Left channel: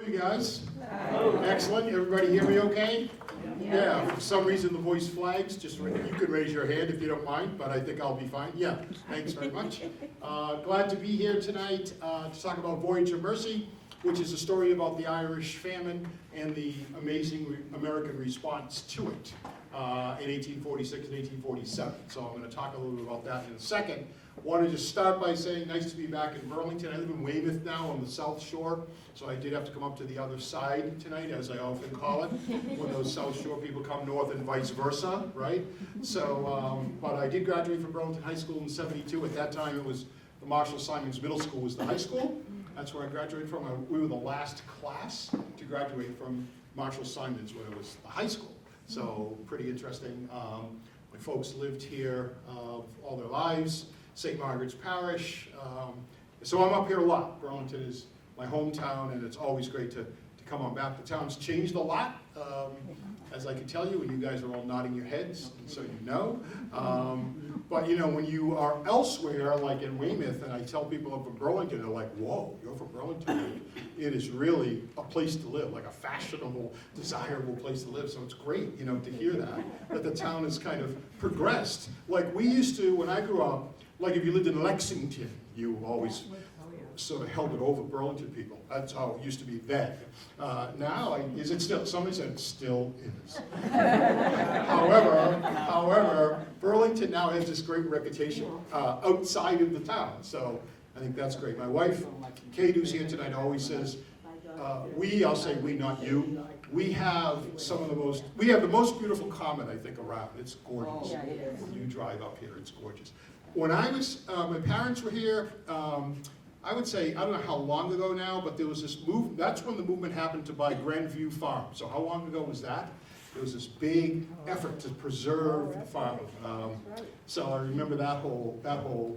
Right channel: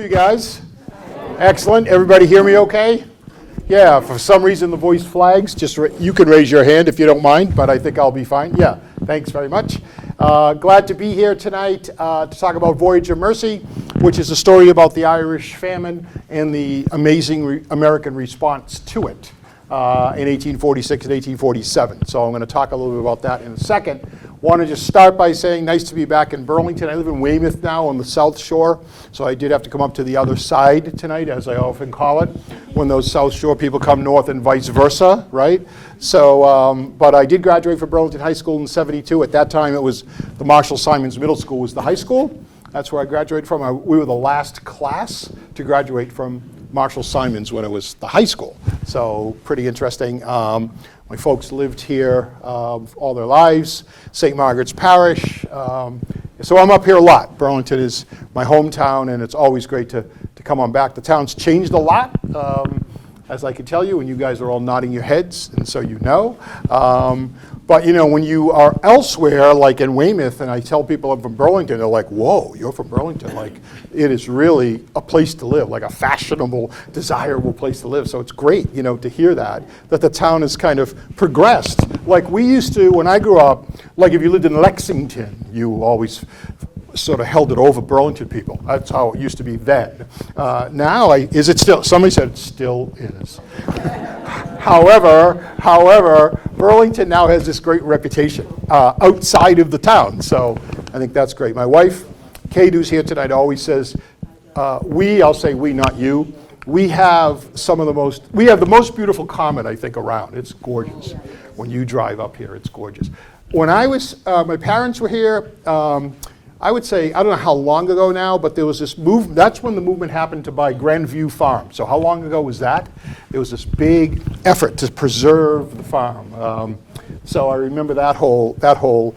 You guys? Excellent. Everybody hear me okay? Yeah, for some reason the voice flags. Just you can raise your hand if you don't mind, but I think I'll be fine. Yeah, thanks very much. Glad to be here tonight to talk about Voyage of Mercy, which is a story about the Irish Famine and the amazing American response to it in 1846 and 1847. So I'm going to talk a little bit about that in a second. Want to just start by saying nice to be back in Burlington. I live in Weymouth now on the South Shore, so I did have to come up to the other side tonight, as I often call it, when those South Shore people come north and vice versa, right? So, but I did graduate from Burlington High School in '72. At that time, it was the Marshall Simons Middle School was the high school. That's where I graduated from. We were the last class to graduate from Marshall Simons when it was the high school. So pretty interesting. My folks lived here all their lives, St. Margaret's Parish. So I'm up here a lot. Burlington is my hometown, and it's always great to come on back. The town's changed a lot, as I can tell you, and you guys are all nodding your heads, and so you know. But you know, when you are elsewhere, like in Weymouth, and I tell people I'm from Burlington, they're like, whoa, you're from Burlington. Like, it is really a place to live, like a fashionable, desirable place to live. So it's great, you know, to hear that the town has kind of progressed. Like we used to, when I grew up, like if you lived in Lexington, you always sort of held it over Burlington people. That's how it used to be then. Now, is it still? Somebody said it still is. However, Burlington now has this great reputation outside of the town. So I think that's great. My wife, Kate, who's here tonight, always says, I'll say we, not you. We have the most beautiful common, I think, around. It's gorgeous. When you drive up here, it's gorgeous. When I was, my parents were here, I would say, I don't know how long ago now, but there was this movement. That's when the movement happened to buy Grandview Farm. So how long ago was that? There was this big effort to preserve the farm. So I remember that whole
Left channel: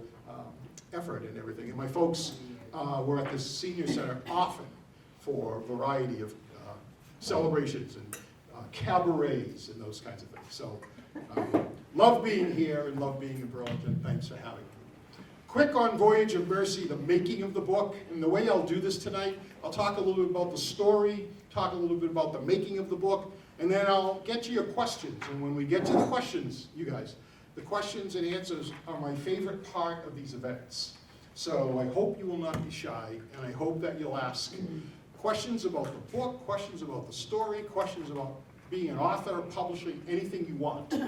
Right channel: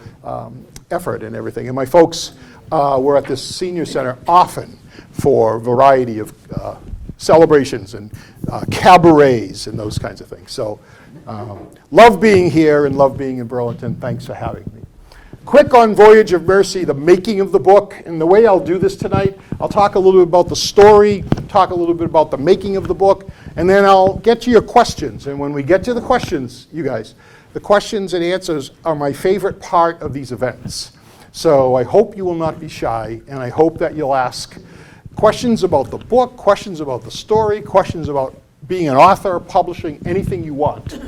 effort and everything. And my folks were at this senior center often for a variety of celebrations and cabarets and those kinds of things. So love being here and love being in Burlington. Thanks for having me. Quick on Voyage of Mercy, the making of the book, and the way I'll do this tonight, I'll talk a little bit about the story, talk a little bit about the making of the book, and then I'll get to your questions. And when we get to the questions, you guys, the questions and answers are my favorite part of these events. So I hope you will not be shy, and I hope that you'll ask questions about the book, questions about the story, questions about being an author, publishing, anything you want.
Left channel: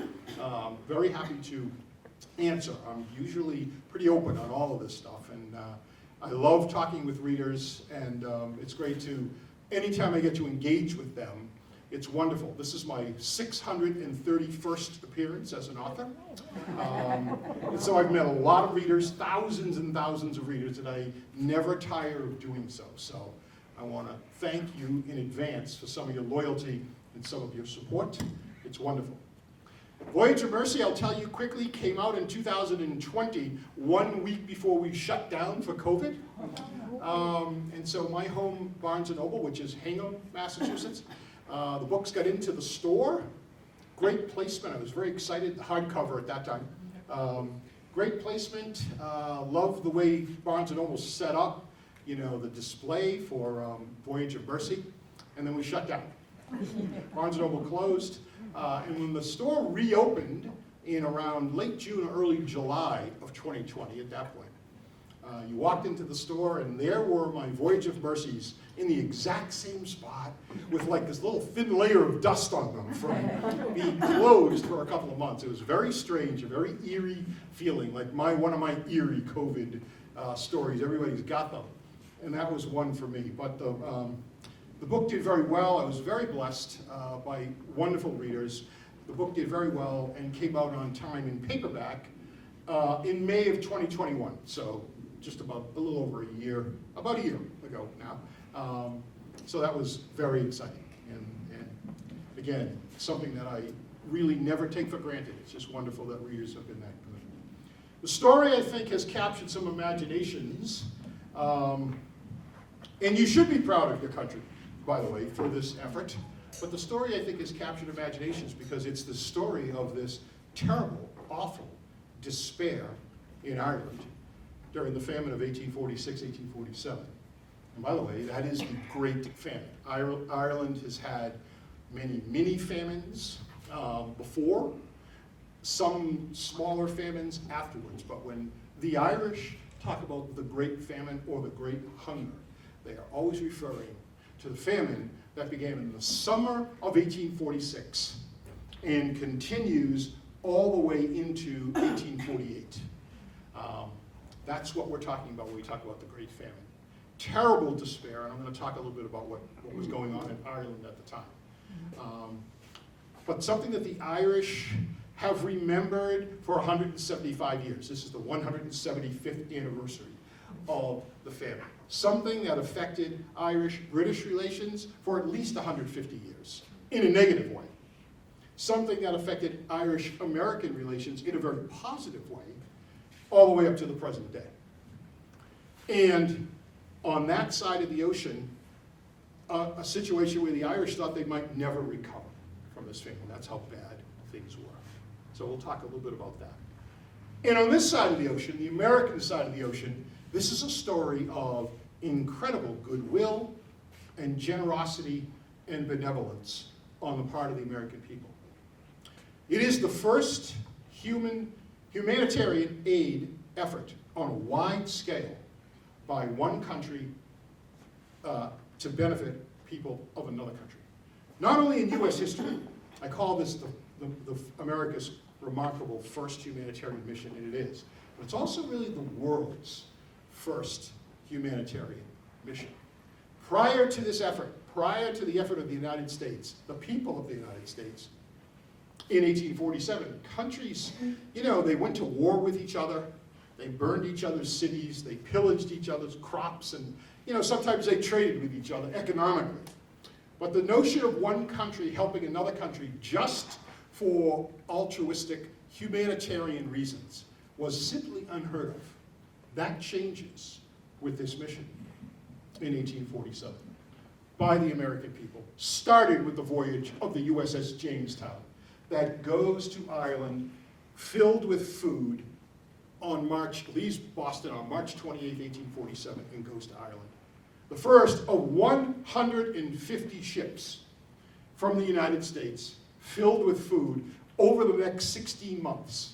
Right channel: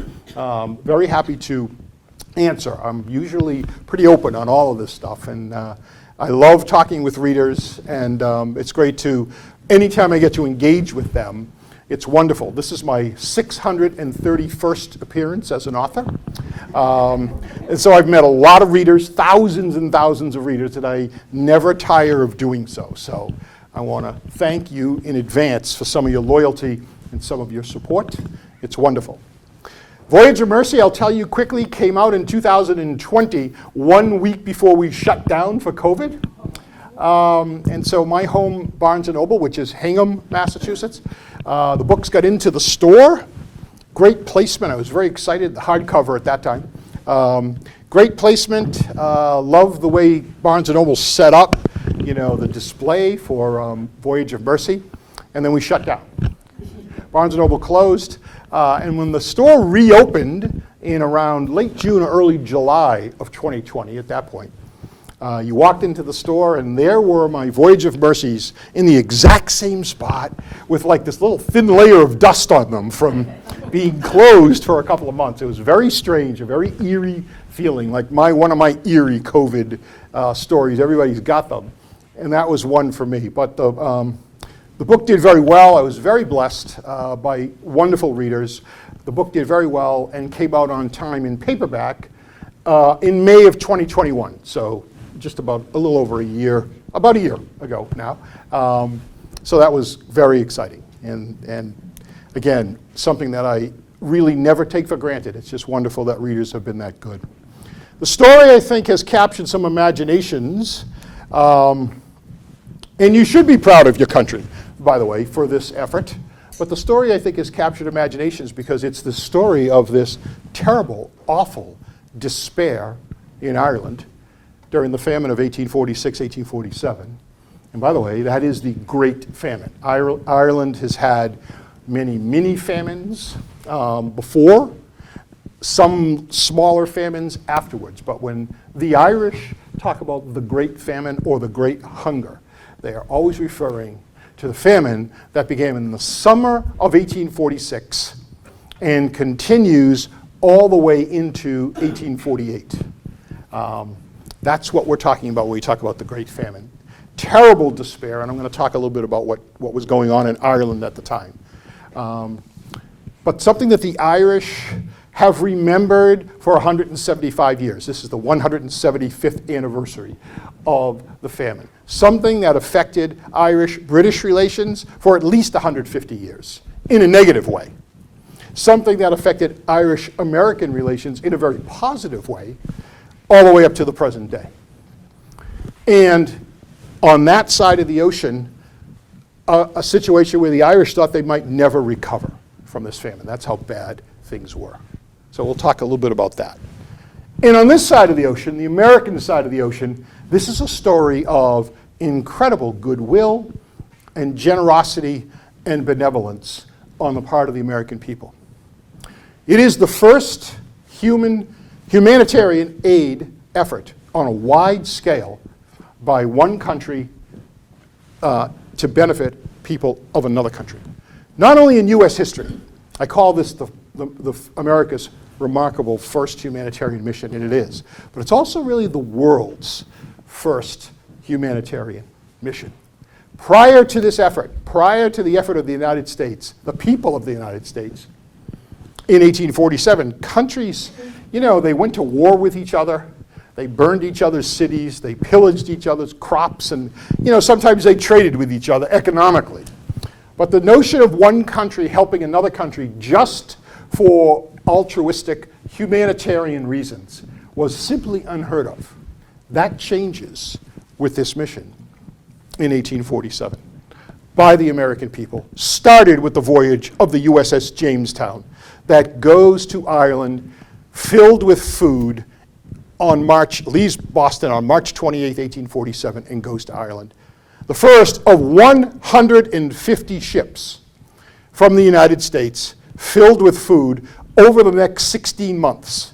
Very happy to answer. I'm usually pretty open on all of this stuff, and I love talking with readers, and it's great to, anytime I get to engage with them, it's wonderful. This is my 631st appearance as an author, and so I've met a lot of readers, thousands and thousands of readers, and I never tire of doing so. So I want to thank you in advance for some of your loyalty and some of your support. It's wonderful. Voyage of Mercy, I'll tell you quickly, came out in 2020, 1 week before we shut down for COVID. And so my home, Barnes & Noble, which is Hingham, Massachusetts, the books got into the store. Great placement. I was very excited, the hardcover at that time. Great placement. Love the way Barnes & Noble set up, you know, the display for Voyage of Mercy. And then we shut down. Barnes & Noble closed. And when the store reopened in around late June or early July of 2020, at that point, you walked into the store and there were my Voyage of Mercies in the exact same spot with like this little thin layer of dust on them from being closed for a couple of months. It was very strange, a very eerie feeling, like one of my eerie COVID stories. Everybody's got them. And that was one for me. But the book did very well. I was very blessed by wonderful readers. The book did very well and came out on time in paperback in May of 2021. So just about a little over about a year ago now. So that was very exciting. And again, something that I really never take for granted. It's just wonderful that readers have been that good. The story, I think, has captured some imaginations. And you should be proud of your country, by the way, for this effort. But the story, I think, has captured imaginations because it's the story of this terrible, awful despair in Ireland during the famine of 1846, 1847. And by the way, that is the Great Famine. Ireland has had many mini famines before, some smaller famines afterwards. But when the Irish talk about the Great Famine or the Great Hunger, they are always referring to the famine that began in the summer of 1846 and continues all the way into 1848. That's what we're talking about when we talk about the Great Famine. Terrible despair, and I'm going to talk a little bit about what was going on in Ireland at the time. But something that the Irish have remembered for 175 years. This is the 175th anniversary of the famine. Something that affected Irish-British relations for at least 150 years, in a negative way. Something that affected Irish-American relations in a very positive way, all the way up to the present day. And on that side of the ocean, a situation where the Irish thought they might never recover from this famine. That's how bad things were. So we'll talk a little bit about that. And on this side of the ocean, the American side of the ocean, this is a story of incredible goodwill and generosity and benevolence on the part of the American people. It is the first humanitarian aid effort on a wide scale by one country to benefit people of another country. Not only in U.S. history, I call this the America's remarkable first humanitarian mission, and it is, but it's also really the world's first humanitarian mission. Prior to this effort, prior to the effort of the United States, the people of the United States, in 1847, countries, they went to war with each other. They burned each other's cities. They pillaged each other's crops. And, sometimes they traded with each other economically. But the notion of one country helping another country just for altruistic humanitarian reasons was simply unheard of. That changes with this mission in 1847 by the American people. Started with the voyage of the USS Jamestown that goes to Ireland filled with food leaves Boston on March 28, 1847, and goes to Ireland. The first of 150 ships from the United States filled with food over the next 16 months.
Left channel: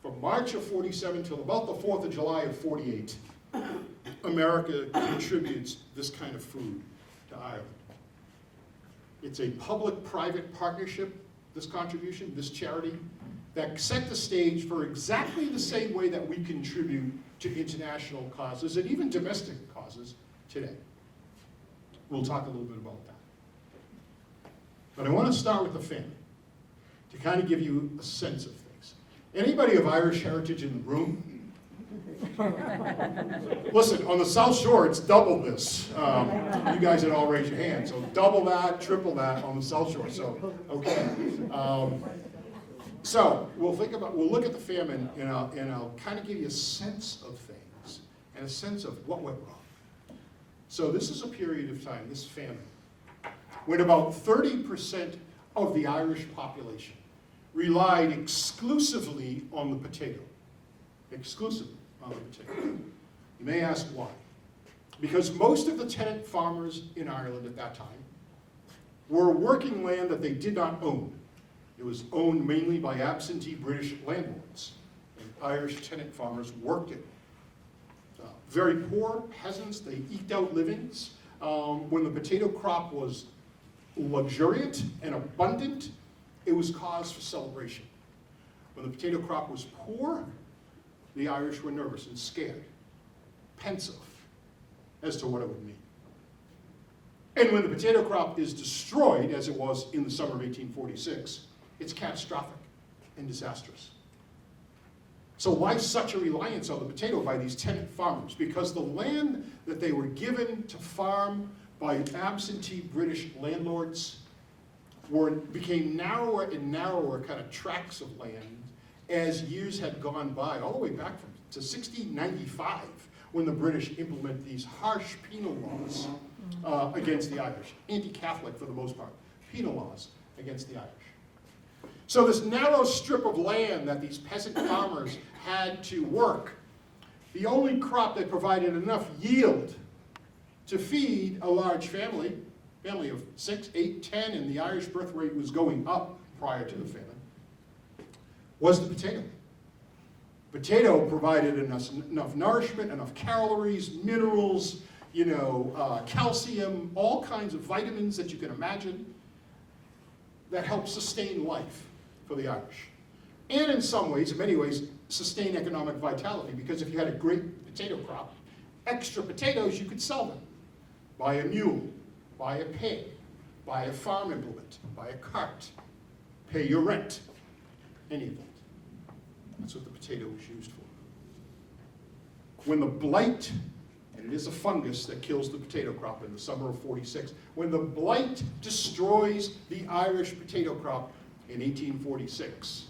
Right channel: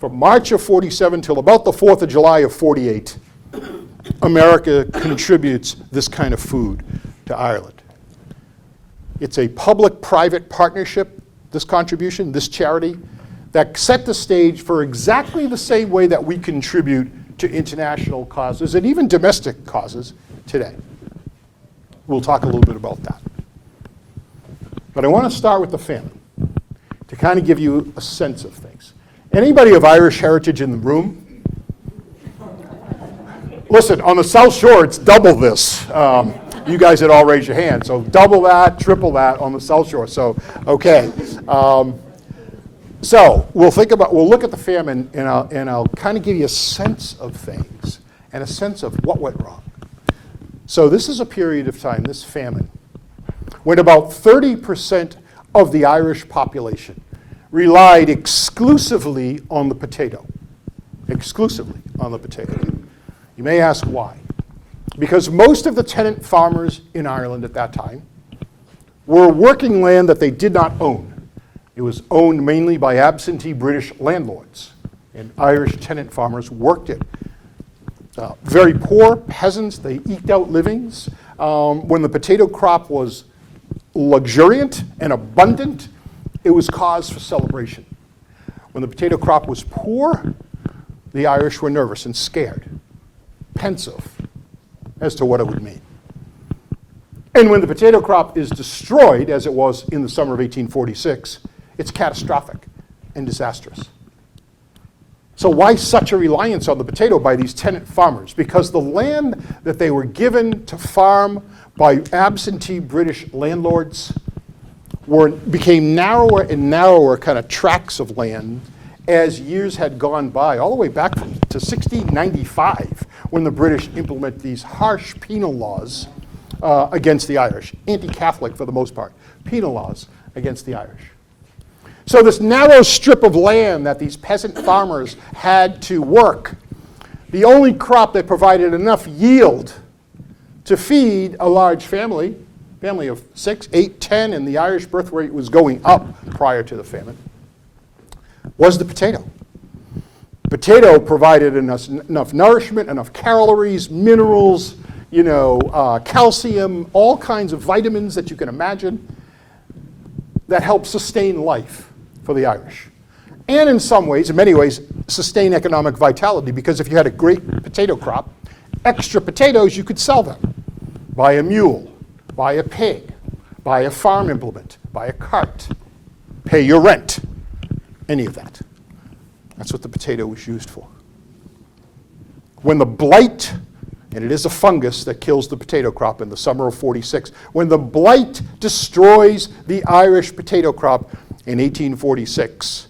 From March of 47 till about the 4th of July of 48, America contributes this kind of food to Ireland. It's a public-private partnership, this contribution, this charity, that set the stage for exactly the same way that we contribute to international causes and even domestic causes today. We'll talk a little bit about that. But I want to start with the famine to kind of give you a sense of things. Anybody of Irish heritage in the room? Listen, on the South Shore, it's double this. You guys had all raised your hand, so double that, triple that on the South Shore. So, okay. So we'll look at the famine, and I'll kind of give you a sense of things and a sense of what went wrong. So this is a period of time, this famine, when about 30% of the Irish population relied exclusively on the potato. Exclusively on the potato. You may ask why. Because most of the tenant farmers in Ireland at that time were working land that they did not own. It was owned mainly by absentee British landlords, and Irish tenant farmers worked it. Very poor peasants, they eked out livings. When the potato crop was luxuriant and abundant, it was cause for celebration. When the potato crop was poor, the Irish were nervous and scared, pensive as to what it would mean. And when the potato crop is destroyed, as it was in the summer of 1846, it's catastrophic and disastrous. So why such a reliance on the potato by these tenant farmers? Because the land that they were given to farm by absentee British landlords became narrower and narrower kind of tracts of land as years had gone by, all the way back to 1695, when the British implement these harsh penal laws against the Irish, anti-Catholic for the most part, penal laws against the Irish. So this narrow strip of land that these peasant farmers had to work, the only crop that provided enough yield to feed a large family of 6, 8, 10, and the Irish birth rate was going up prior to the famine, was the potato. Potato provided enough nourishment, enough calories, minerals, calcium, all kinds of vitamins that you can imagine that helped sustain life for the Irish. And in some ways, in many ways, sustain economic vitality, because if you had a great potato crop, extra potatoes, you could sell them. Buy a mule, buy a pig, buy a farm implement, buy a cart, pay your rent, any of that. That's what the potato was used for. When the blight, and it is a fungus that kills the potato crop in the summer of '46, when the blight destroys the Irish potato crop in 1846,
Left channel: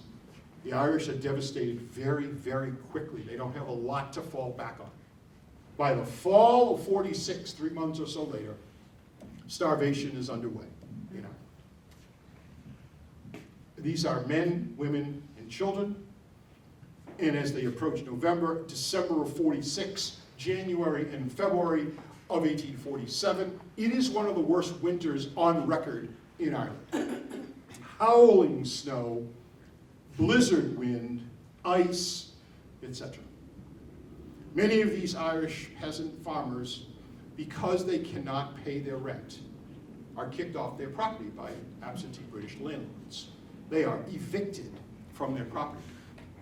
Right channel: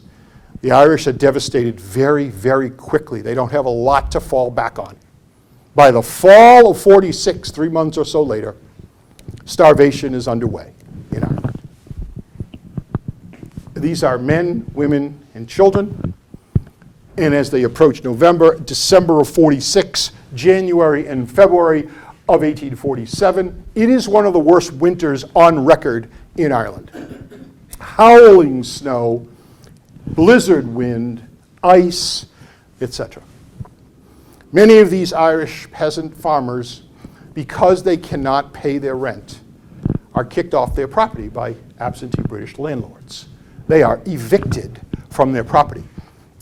the Irish are devastated very, very quickly. They don't have a lot to fall back on. By the fall of '46, 3 months or so later, starvation is underway in Ireland. These are men, women, and children. And as they approach November, December of '46, January and February of 1847, it is one of the worst winters on record in Ireland. Howling snow, blizzard wind, ice, etc. Many of these Irish peasant farmers, because they cannot pay their rent, are kicked off their property by absentee British landlords. They are evicted from their property.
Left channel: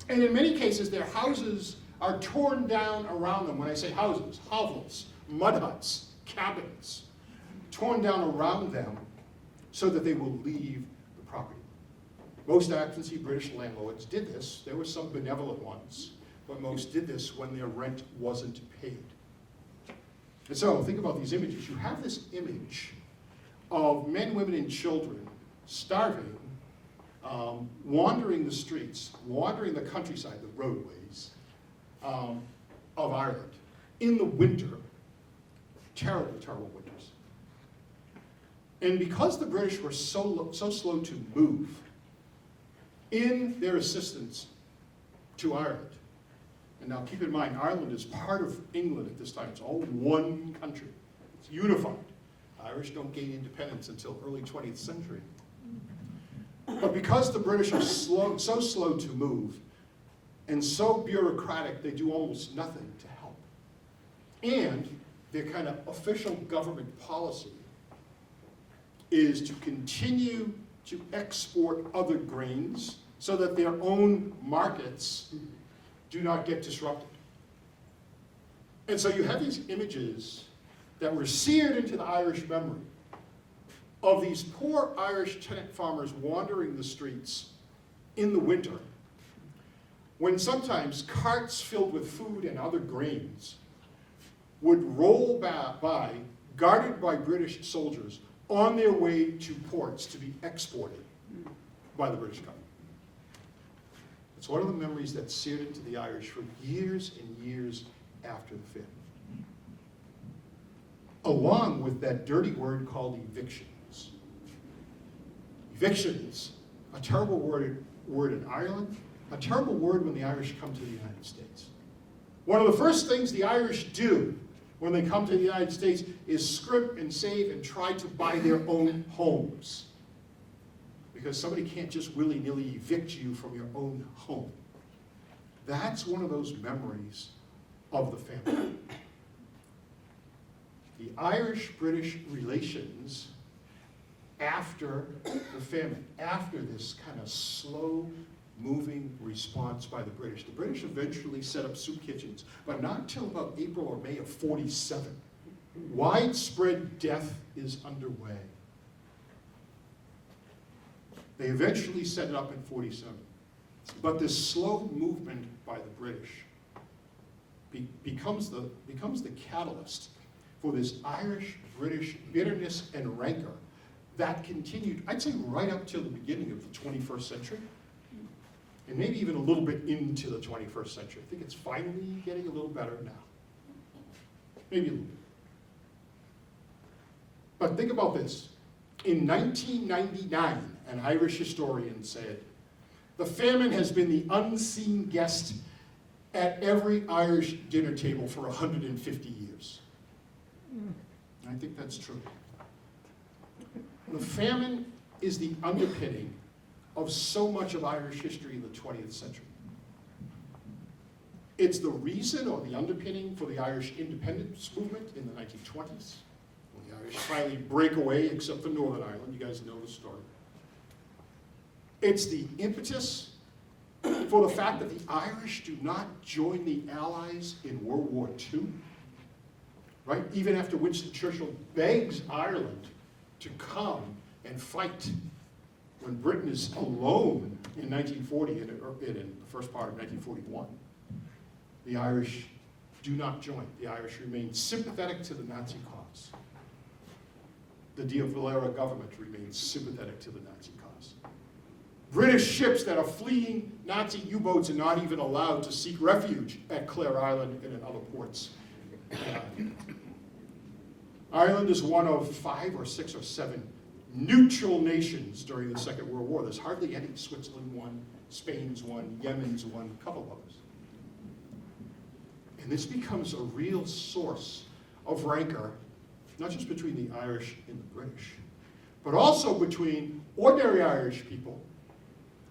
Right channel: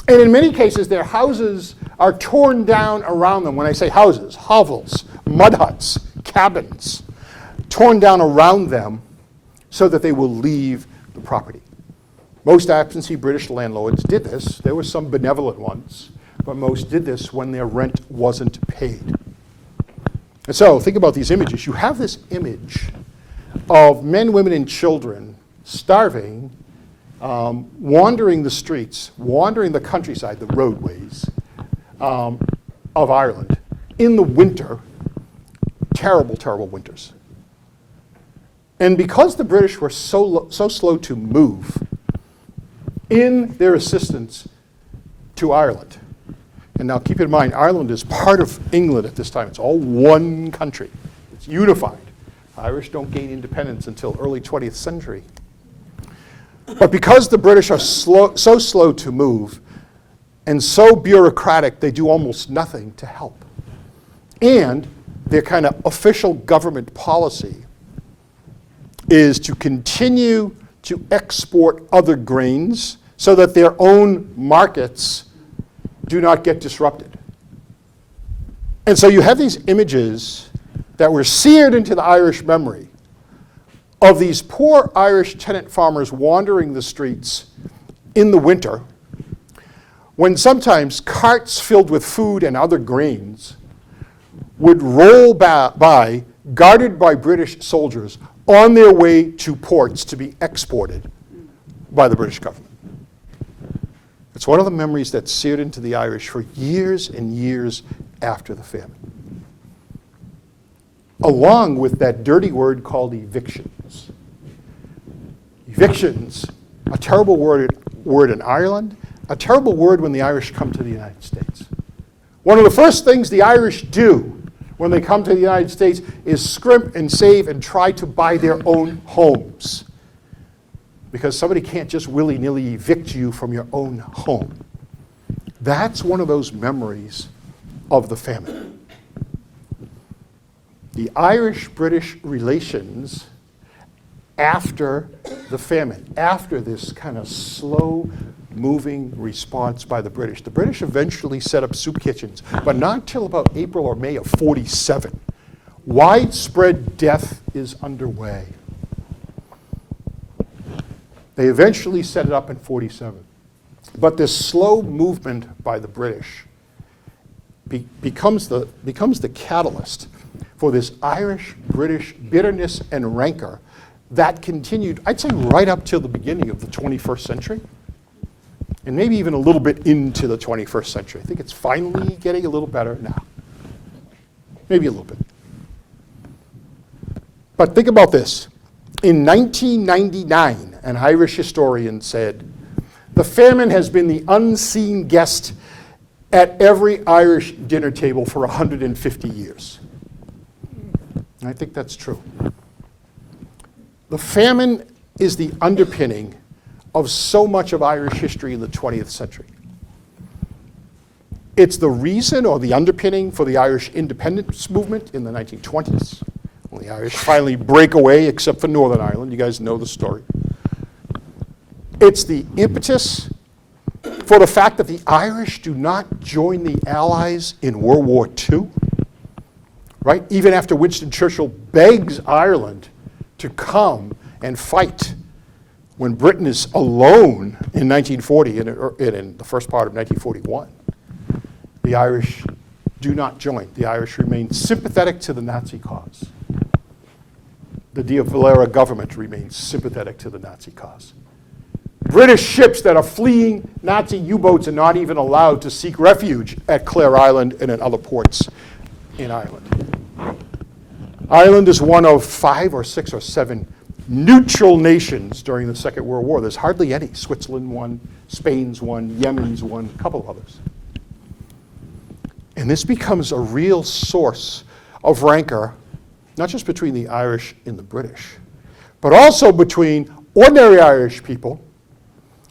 And in many cases, their houses are torn down around them. When I say houses, hovels, mud huts, cabins, torn down around them so that they will leave the property. Most absentee British landlords did this. There were some benevolent ones, but most did this when their rent wasn't paid. And so think about these images. You have this image of men, women, and children starving, wandering the streets, wandering the countryside, the roadways of Ireland in the winter, terrible, terrible winters. And because the British were so slow to move in their assistance to Ireland, and now keep in mind, Ireland is part of England at this time. It's all one country. It's unified. Irish don't gain independence until early 20th century. But because the British are so slow to move and so bureaucratic, they do almost nothing to help. And their kind of official government policy is to continue to export other grains so that their own markets do not get disrupted. And so you have these images that were seared into the Irish memory of these poor Irish tenant farmers wandering the streets in the winter, when sometimes carts filled with food and other grains would roll by, guarded by British soldiers, on their way to ports to be exported by the British government. It's one of the memories that's seared into the Irish for years and years after the famine. Along with that dirty word called evictions. Evictions, a terrible word in Ireland, a terrible word when the Irish come to the United States. One of the first things the Irish do when they come to the United States is scrimp and save and try to buy their own homes. Because somebody can't just willy-nilly evict you from your own home. That's one of those memories of the famine. The Irish-British relations after the famine, after this kind of slow-moving response by the British. The British eventually set up soup kitchens, but not until about April or May of '47. Widespread death is underway. They eventually set it up in '47. But this slow movement by the British becomes the catalyst for this Irish-British bitterness and rancor that continued, I'd say, right up till the beginning of the 21st century, and maybe even a little bit into the 21st century. I think it's finally getting a little better now. Maybe a little bit. But think about this. In 1999, an Irish historian said, "The famine has been the unseen guest at every Irish dinner table for 150 years. And I think that's true. The famine is the underpinning of so much of Irish history in the 20th century. It's the reason or the underpinning for the Irish independence movement in the 1920s, when the Irish finally break away, except for Northern Ireland. You guys know the story. It's the impetus for the fact that the Irish do not join the Allies in World War II, right? Even after Winston Churchill begs Ireland to come and fight when Britain is alone in 1940 and in the first part of 1941. The Irish do not join. The Irish remain sympathetic to the Nazi cause. The De Valera government remains sympathetic to the Nazi cause. British ships that are fleeing Nazi U-boats are not even allowed to seek refuge at Clare Island and in other ports in Ireland. Ireland is one of 5 or 6 or 7 neutral nations during the Second World War. There's hardly any. Switzerland one, Spain's one, Yemen's one, a couple of others. And this becomes a real source of rancor, not just between the Irish and the British, but also between ordinary Irish people,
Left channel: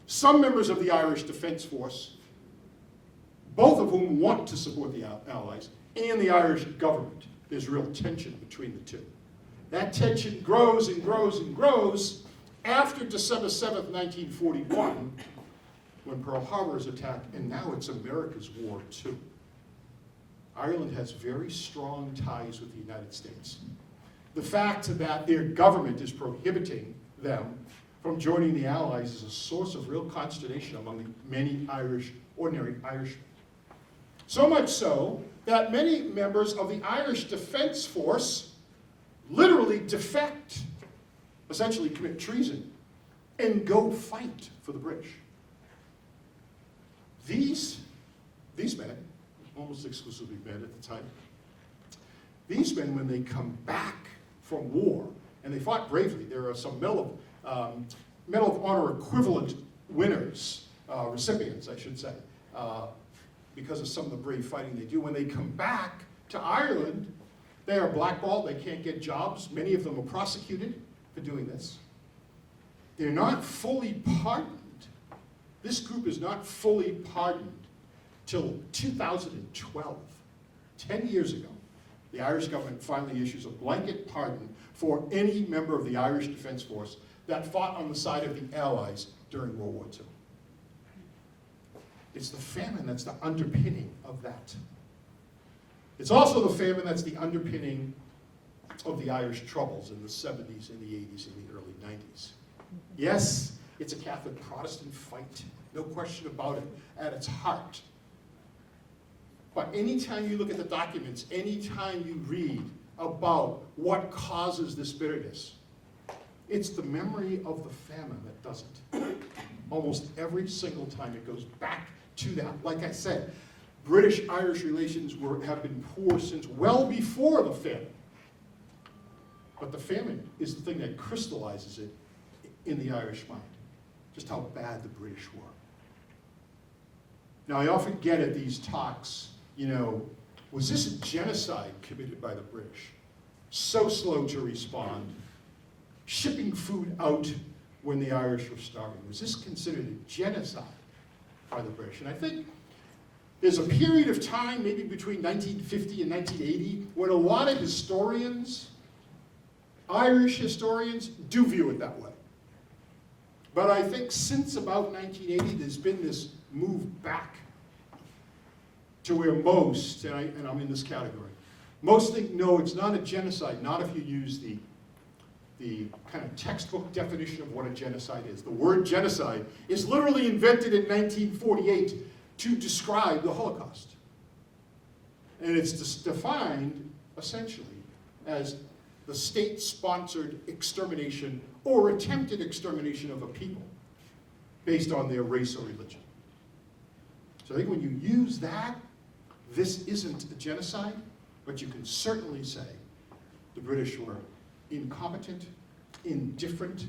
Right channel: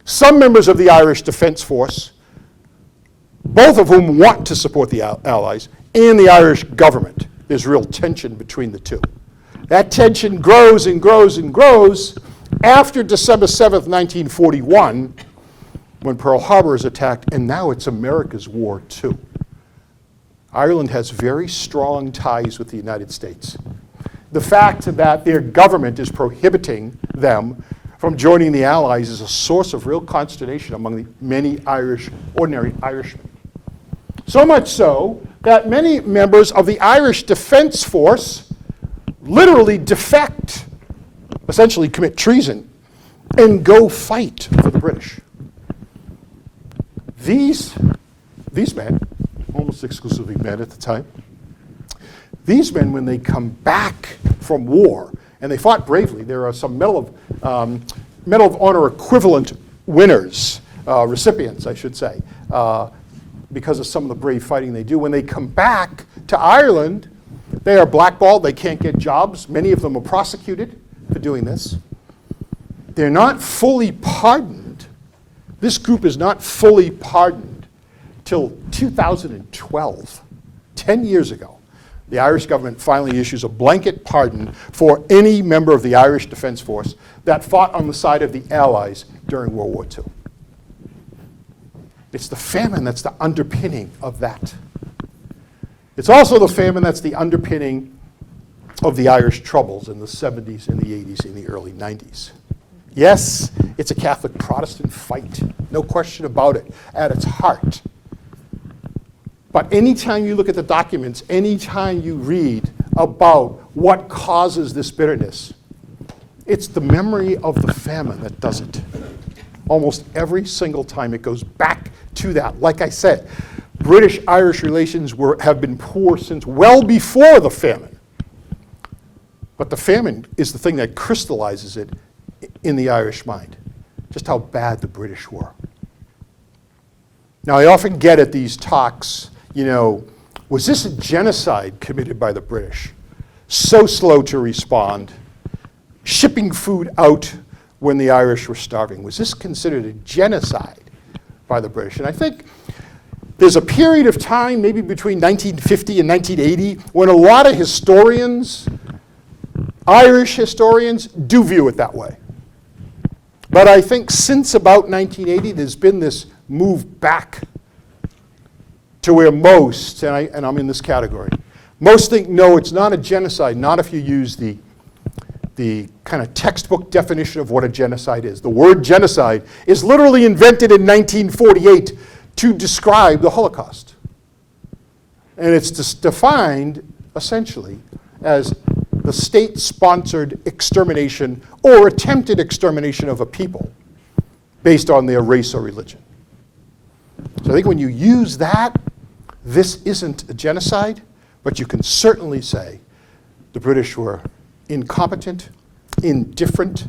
some members of the Irish Defence Force, both of whom want to support the Allies, and the Irish government. There's real tension between the two. That tension grows and grows and grows after December 7th, 1941, when Pearl Harbor is attacked, and now it's America's war too. Ireland has very strong ties with the United States. The fact that their government is prohibiting them from joining the Allies is a source of real consternation among the many ordinary Irishmen. So much so that many members of the Irish Defence Force literally defect, essentially commit treason, and go fight for the British. These men, almost exclusively men at the time, these men, when they come back from war, and they fought bravely, there are some Medal of Honor equivalent winners, recipients, I should say, because of some of the brave fighting they do. When they come back to Ireland, they are blackballed, they can't get jobs. Many of them are prosecuted for doing this. They're not fully pardoned. This group is not fully pardoned till 2012, 10 years ago. The Irish government finally issues a blanket pardon for any member of the Irish Defence Force that fought on the side of the Allies during World War II. It's the famine that's the underpinning of that. It's also the famine that's the underpinning of the Irish Troubles in the 70s and the 80s and the early 90s. Yes, it's a Catholic Protestant fight, no question about it, at its heart. But anytime you look at the documents, anytime you read about what causes this bitterness, it's the memory of the famine that does it. Almost every single time it goes back to that. Like I said, British-Irish relations have been poor since well before the famine. But the famine is the thing that crystallizes it in the Irish mind, just how bad the British were. Now, I often get at these talks, was this a genocide committed by the British? So slow to respond, shipping food out when the Irish were starving. Was this considered a genocide by the British? And I think there's a period of time, maybe between 1950 and 1980, when a lot of historians, Irish historians, do view it that way. But I think since about 1980, there's been this move back to where most, and I'm in this category, most think, no, it's not a genocide, not if you use the kind of textbook definition of what a genocide is. The word genocide is literally invented in 1948 to describe the Holocaust. And it's defined, essentially, as the state-sponsored extermination or attempted extermination of a people based on their race or religion. So I think when you use that, this isn't a genocide, but you can certainly say the British were incompetent, indifferent,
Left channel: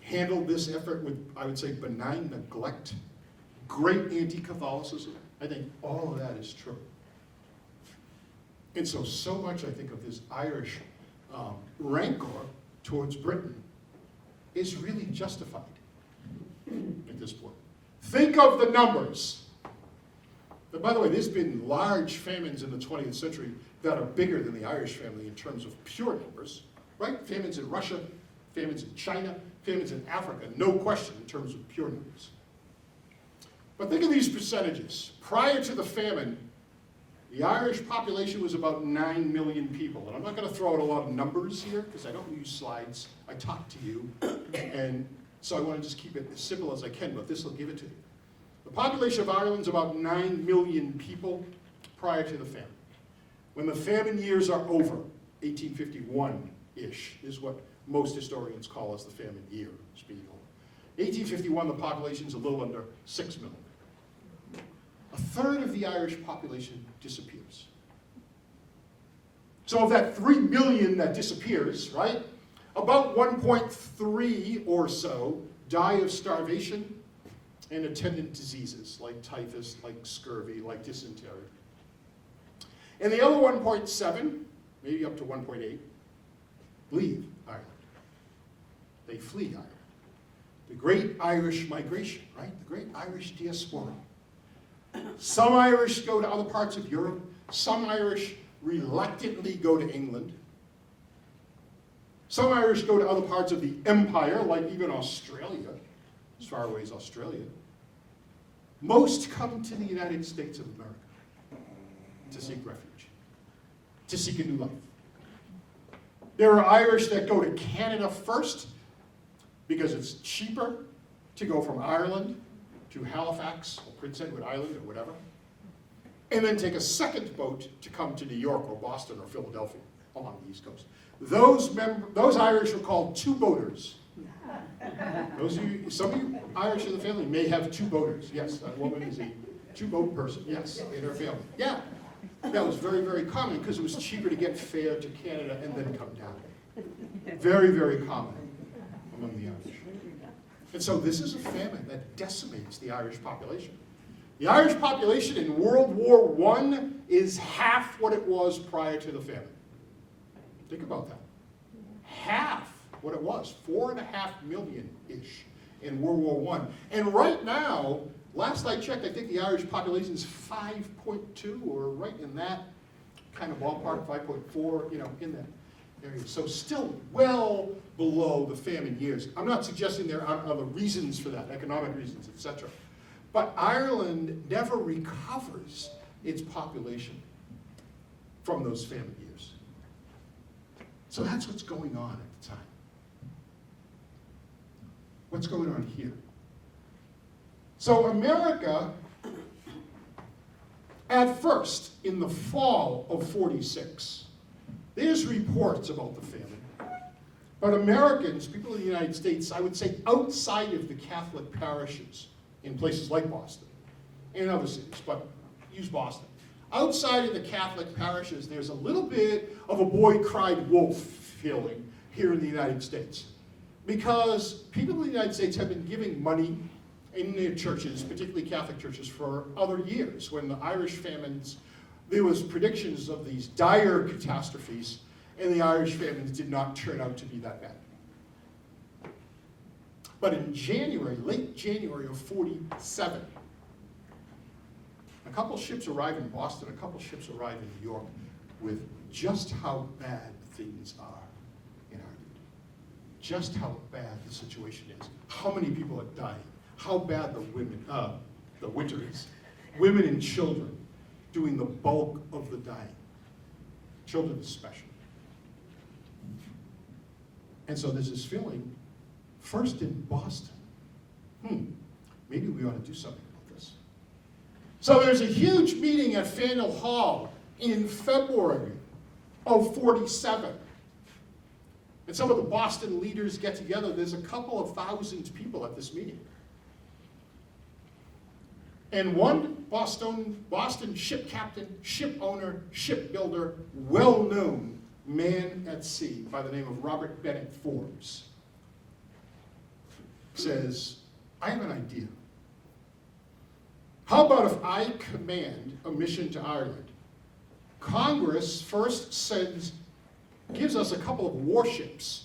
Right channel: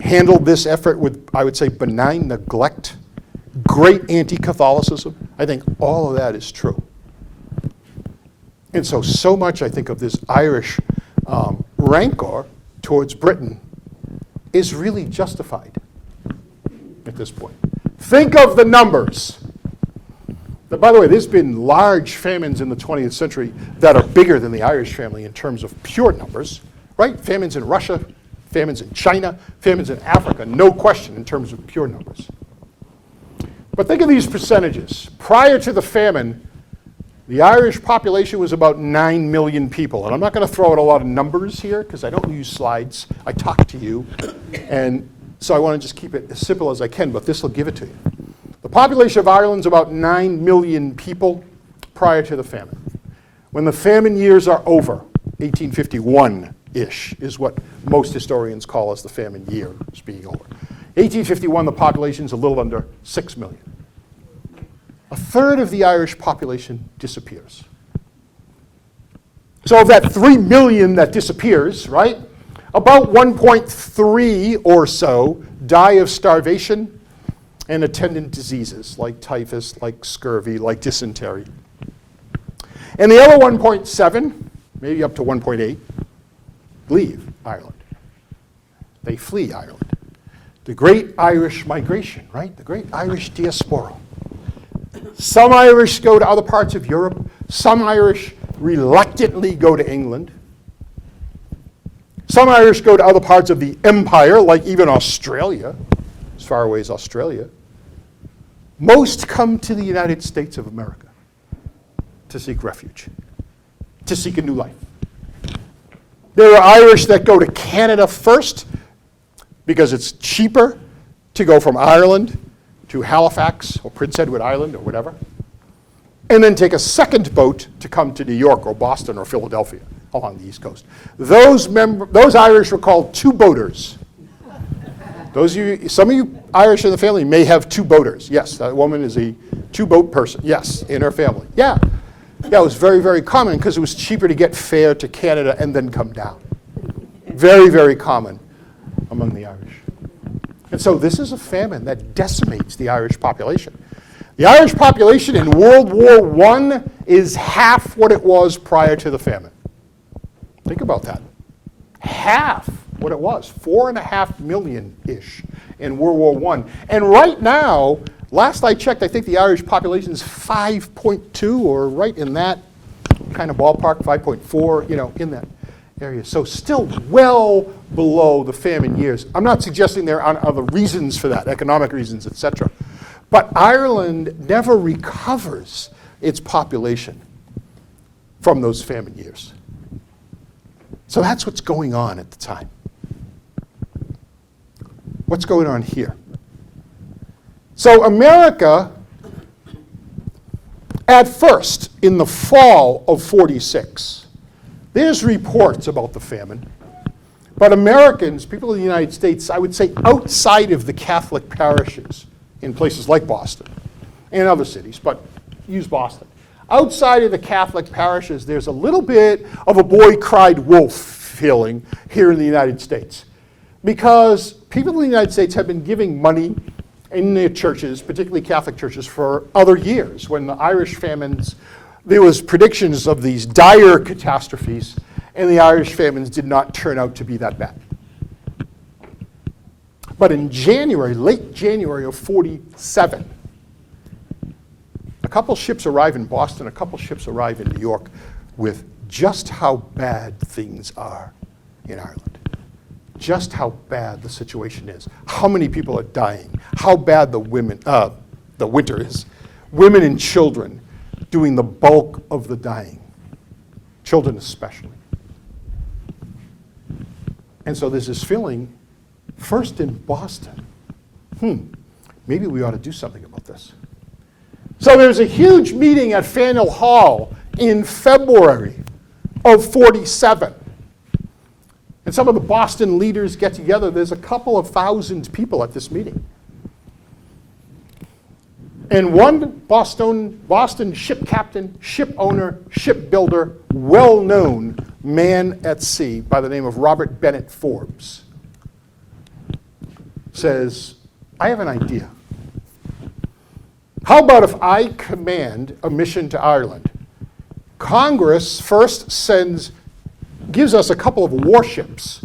handled this effort with, I would say, benign neglect, great anti-Catholicism. I think all of that is true. And so much, I think, of this Irish rancor towards Britain is really justified at this point. Think of the numbers. By the way, there's been large famines in the 20th century that are bigger than the Irish family in terms of pure numbers, right? Famines in Russia, famines in China, famines in Africa, no question in terms of pure numbers. But think of these percentages. Prior to the famine, the Irish population was about 9 million people. And I'm not going to throw out a lot of numbers here because I don't use slides. I talk to you. And so I want to just keep it as simple as I can, but this will give it to you. The population of Ireland is about 9 million people prior to the famine. When the famine years are over, 1851-ish is what most historians call as the famine years being over. 1851, the population is a little under 6 million. A third of the Irish population disappears. So of that 3 million that disappears, right, about 1.3 or so die of starvation and attendant diseases like typhus, like scurvy, like dysentery. And the other 1.7, maybe up to 1.8, leave Ireland. They flee Ireland. The great Irish migration, right? The great Irish diaspora. Some Irish go to other parts of Europe. Some Irish reluctantly go to England. Some Irish go to other parts of the empire, like even Australia, as far away as Australia. Most come to the United States of America to seek refuge, to seek a new life. There are Irish that go to Canada first because it's cheaper to go from Ireland to Halifax or Prince Edward Island or whatever, and then take a second boat to come to New York or Boston or Philadelphia along the East Coast. Those Irish were called two-boaters. Some of you Irish in the family may have two boaters. Yes, that woman is a two-boat person. Yes, in her family. Yeah, it was very, very common because it was cheaper to get fare to Canada and then come down. Very, very common among the Irish. And so this is a famine that decimates the Irish population. The Irish population in World War I is half what it was prior to the famine. Think about that. Half what it was, 4.5 million-ish in World War I. And right now, last I checked, I think the Irish population is 5.2 or right in that kind of ballpark, 5.4, in that area. So still well below the famine years. I'm not suggesting there are other reasons for that, economic reasons, etc. But Ireland never recovers its population from those famine years. So that's what's going on at the time. What's going on here? So America, at first, in the fall of 46, there's reports about the famine. But Americans, people in the United States, I would say outside of the Catholic parishes in places like Boston and other cities, but use Boston. Outside of the Catholic parishes, there's a little bit of a boy cried wolf feeling here in the United States. Because people in the United States have been giving money in their churches, particularly Catholic churches, for other years. When the Irish famines, there was predictions of these dire catastrophes, and the Irish famines did not turn out to be that bad. But in January, late January of 47, a couple ships arrive in Boston, a couple ships arrive in New York with just how bad things are in Ireland. Just how bad the situation is, how many people are dying, how bad the winter is. Women and children doing the bulk of the dying, children especially. And so there's this feeling, first in Boston, maybe we ought to do something about this. So there's a huge meeting at Faneuil Hall in February of 47. And some of the Boston leaders get together. There's a couple of thousand people at this meeting. And one Boston ship captain, ship owner, shipbuilder, well-known man at sea by the name of Robert Bennett Forbes says, I have an idea. How about if I command a mission to Ireland? Congress first sends gives us a couple of warships,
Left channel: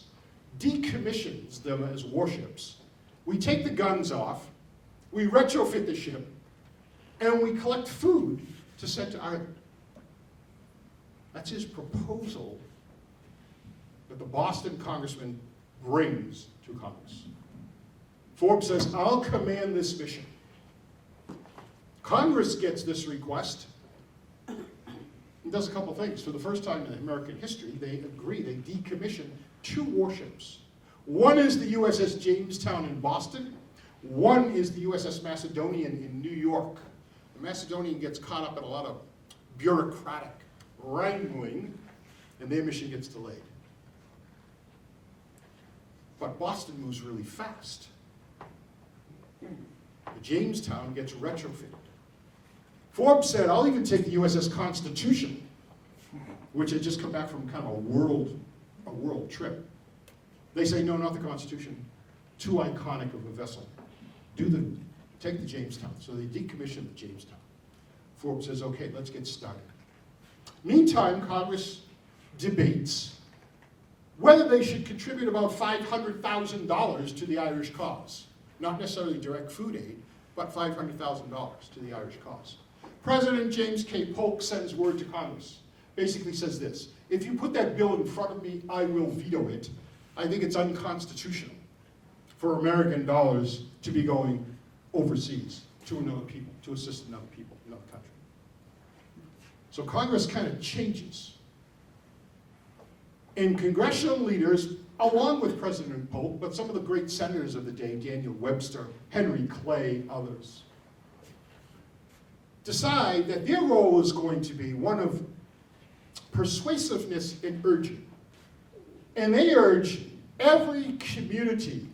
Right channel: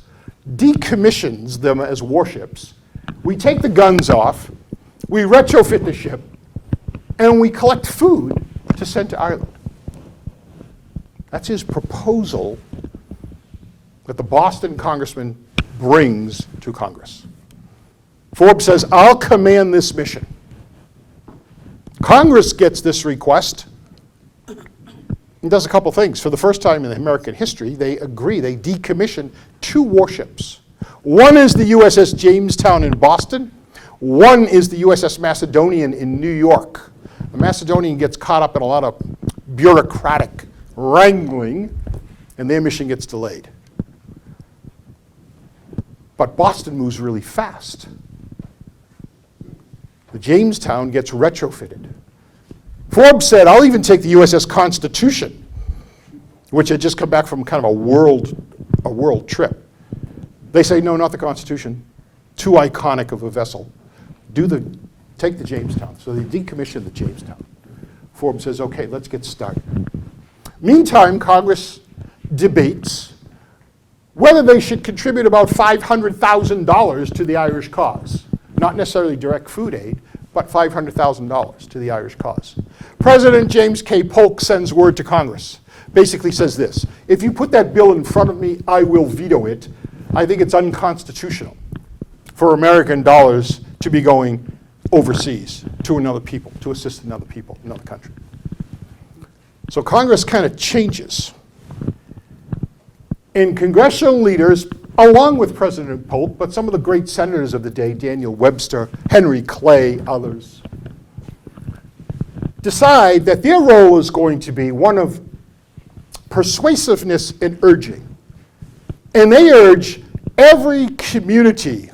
decommissions them as warships. We take the guns off, we retrofit the ship, and we collect food to send to Ireland. That's his proposal that the Boston congressman brings to Congress. Forbes says, I'll command this mission. Congress gets this request and does a couple things. For the first time in American history, they agree, they decommission 2 warships. One is the USS Jamestown in Boston. One is the USS Macedonian in New York. The Macedonian gets caught up in a lot of bureaucratic wrangling, and their mission gets delayed. But Boston moves really fast. The Jamestown gets retrofitted. Forbes said, I'll even take the USS Constitution, which had just come back from kind of a world trip. They say, no, not the Constitution. Too iconic of a vessel. Take the Jamestown. So they decommission the Jamestown. Forbes says, okay, let's get started. Meantime, Congress debates whether they should contribute about $500,000 to the Irish cause. Not necessarily direct food aid, but $500,000 to the Irish cause. President James K. Polk sends word to Congress. Basically says this, if you put that bill in front of me, I will veto it. I think it's unconstitutional for American dollars to be going overseas to another people, to assist another people, another country. So Congress kind of changes. And congressional leaders, along with President Polk, but some of the great senators of the day, Daniel Webster, Henry Clay, others, decide that their role is going to be one of persuasiveness and urging. And they urge every community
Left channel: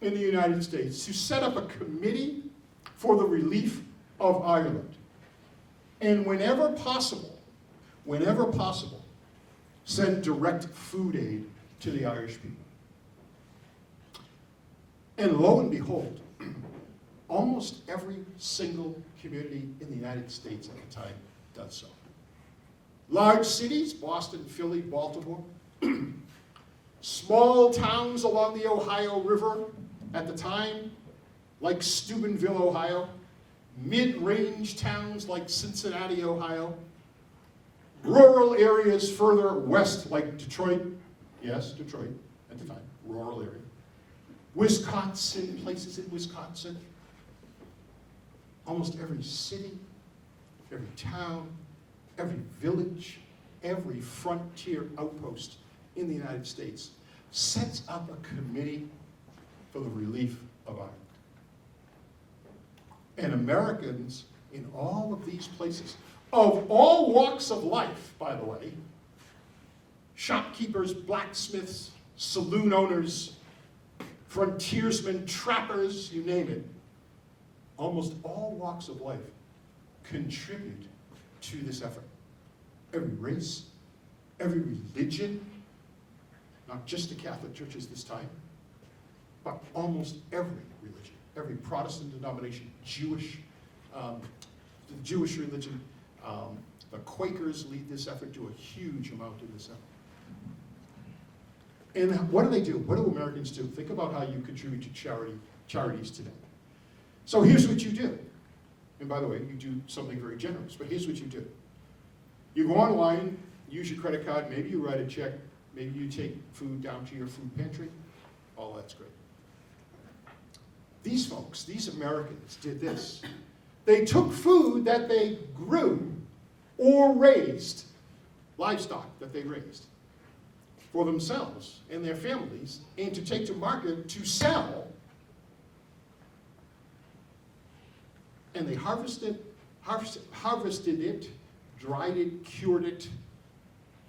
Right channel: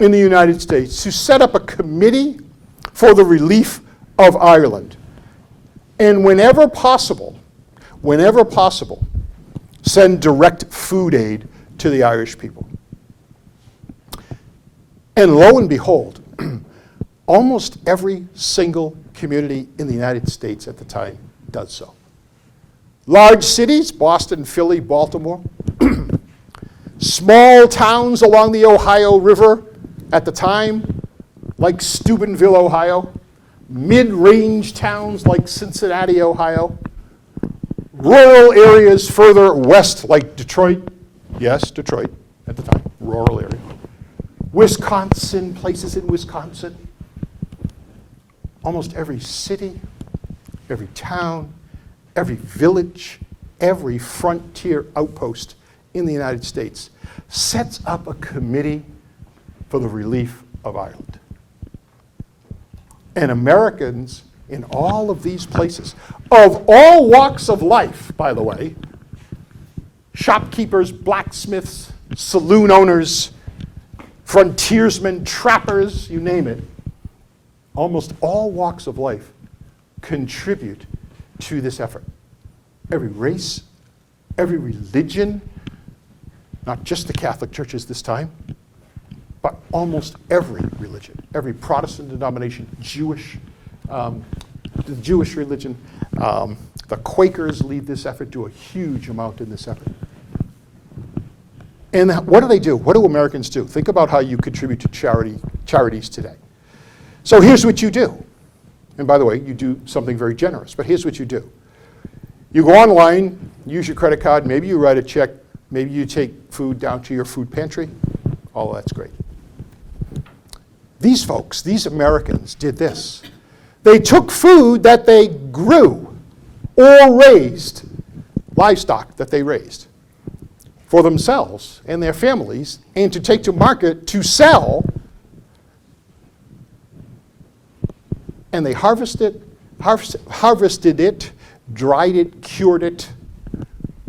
in the United States to set up a committee for the relief of Ireland. And whenever possible, send direct food aid to the Irish people. And lo and behold, almost every single community in the United States at the time does so. Large cities, Boston, Philly, Baltimore, small towns along the Ohio River at the time, like Steubenville, Ohio, mid-range towns like Cincinnati, Ohio, rural areas further west like Detroit, yes, Detroit at the time, rural area, Wisconsin, places in Wisconsin, almost every city, every town, every village, every frontier outpost in the United States sets up a committee for the relief of Ireland. And Americans in all of these places, of all walks of life, by the way, shopkeepers, blacksmiths, saloon owners, frontiersmen, trappers, you name it, almost all walks of life contribute to this effort. Every race, every religion, not just the Catholic churches this time, but almost every religion, every Protestant denomination, Jewish, the Jewish religion, the Quakers lead this effort, do a huge amount in this effort. And what do they do? What do Americans do? Think about how you contribute to charities today. So here's what you do. And by the way, you do something very generous, but here's what you do. You go online, use your credit card, maybe you write a check, maybe you take food down to your food pantry. All that's great. These folks, these Americans, did this. They took food that they grew or raised, livestock that they raised, for themselves and their families, and to take to market to sell. And they harvested it, dried it, cured it,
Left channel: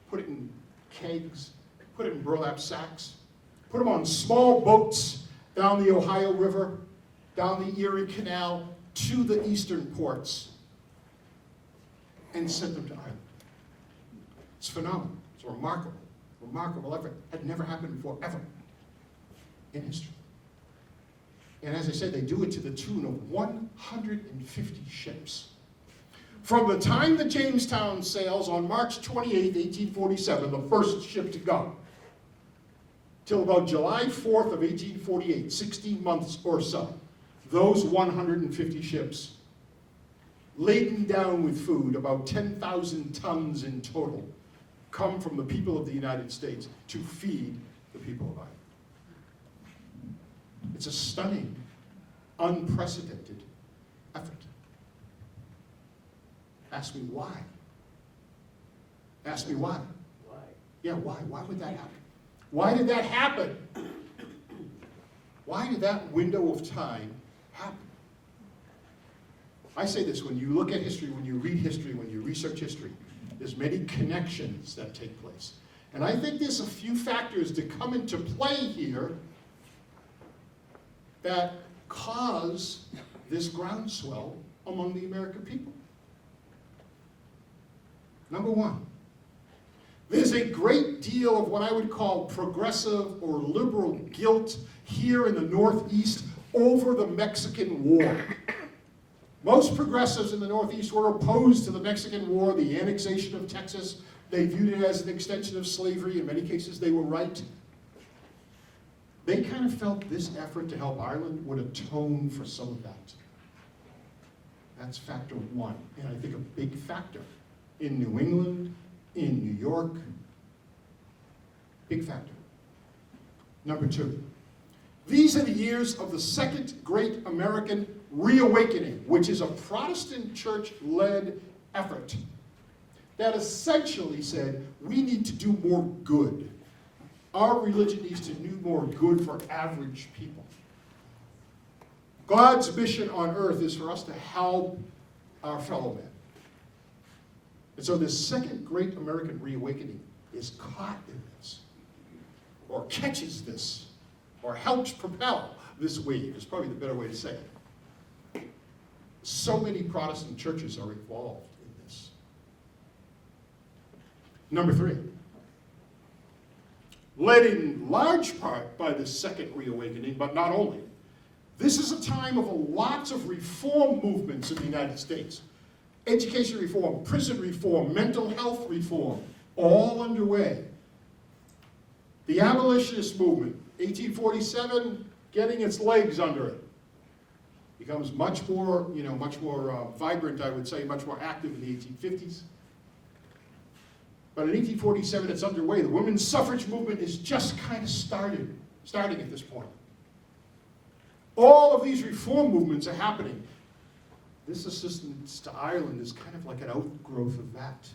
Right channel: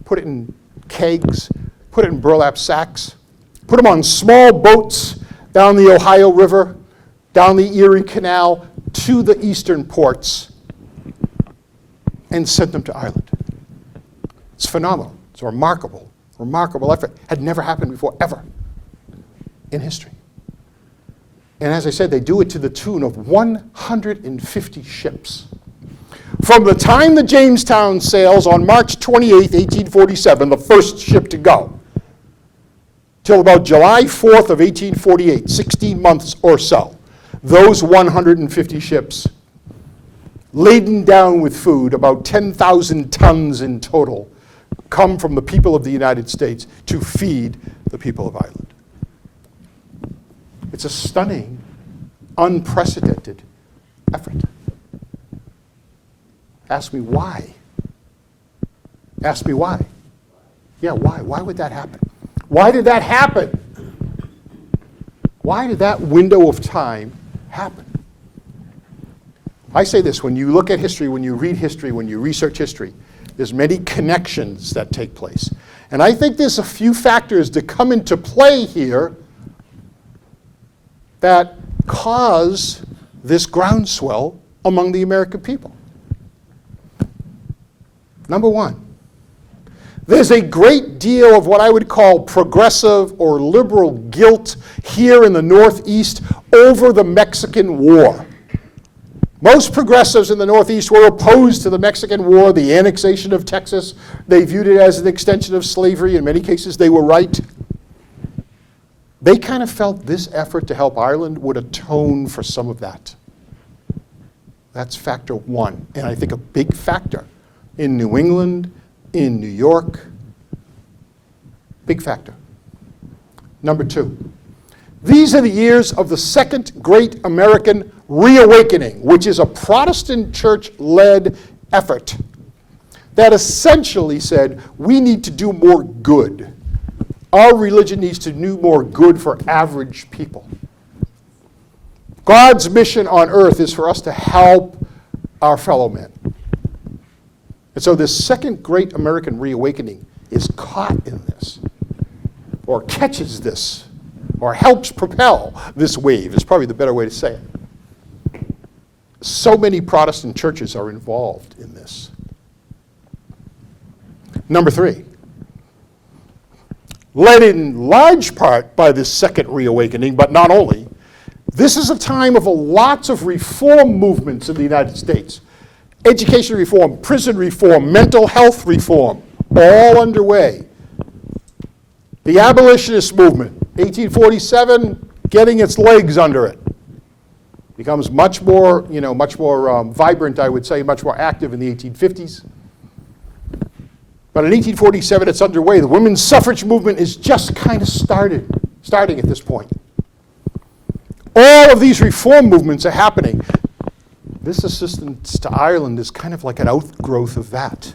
put it in kegs, put it in burlap sacks, put them on small boats down the Ohio River, down the Erie Canal, to the eastern ports, and sent them to Ireland. It's phenomenal. It's a remarkable effort. Had never happened before, ever, in history. And as I said, they do it to the tune of 150 ships. From the time the Jamestown sails on March 28, 1847, the first ship to go, till about July 4th of 1848, 16 months or so, those 150 ships, laden down with food, about 10,000 tons in total, come from the people of the United States to feed the people of Ireland. It's a stunning, unprecedented effort. Ask me why. Ask me why. Yeah, why? Why would that happen? Why did that happen? Why did that window of time happen? I say this, when you look at history, when you read history, when you research history, there's many connections that take place. And I think there's a few factors that come into play here that cause this groundswell among the American people. Number one, there's a great deal of what I would call progressive or liberal guilt here in the Northeast over the Mexican War. Most progressives in the Northeast were opposed to the Mexican War, the annexation of Texas. They viewed it as an extension of slavery. In many cases, they were right. They kind of felt this effort to help Ireland would atone for some of that. That's factor one, and I think a big factor in New England, in New York. Big factor. Number two, these are the years of the Second Great American Reawakening, which is a Protestant church-led effort that essentially said, we need to do more good. Our religion needs to do more good for average people. God's mission on earth is for us to help our fellow men. And so this Second Great American Reawakening is caught in this, or catches this, or helps propel this wave, is probably the better way to say it. So many Protestant churches are involved in this. Number three, led in large part by this Second Reawakening, but not only, this is a time of lots of reform movements in the United States. Education reform, prison reform, mental health reform, all underway. The abolitionist movement, 1847, getting its legs under it. Becomes much more vibrant, I would say, much more active in the 1850s. But in 1847, it's underway. The women's suffrage movement is just kind of starting at this point. All of these reform movements are happening. This assistance to Ireland is kind of like an outgrowth of that.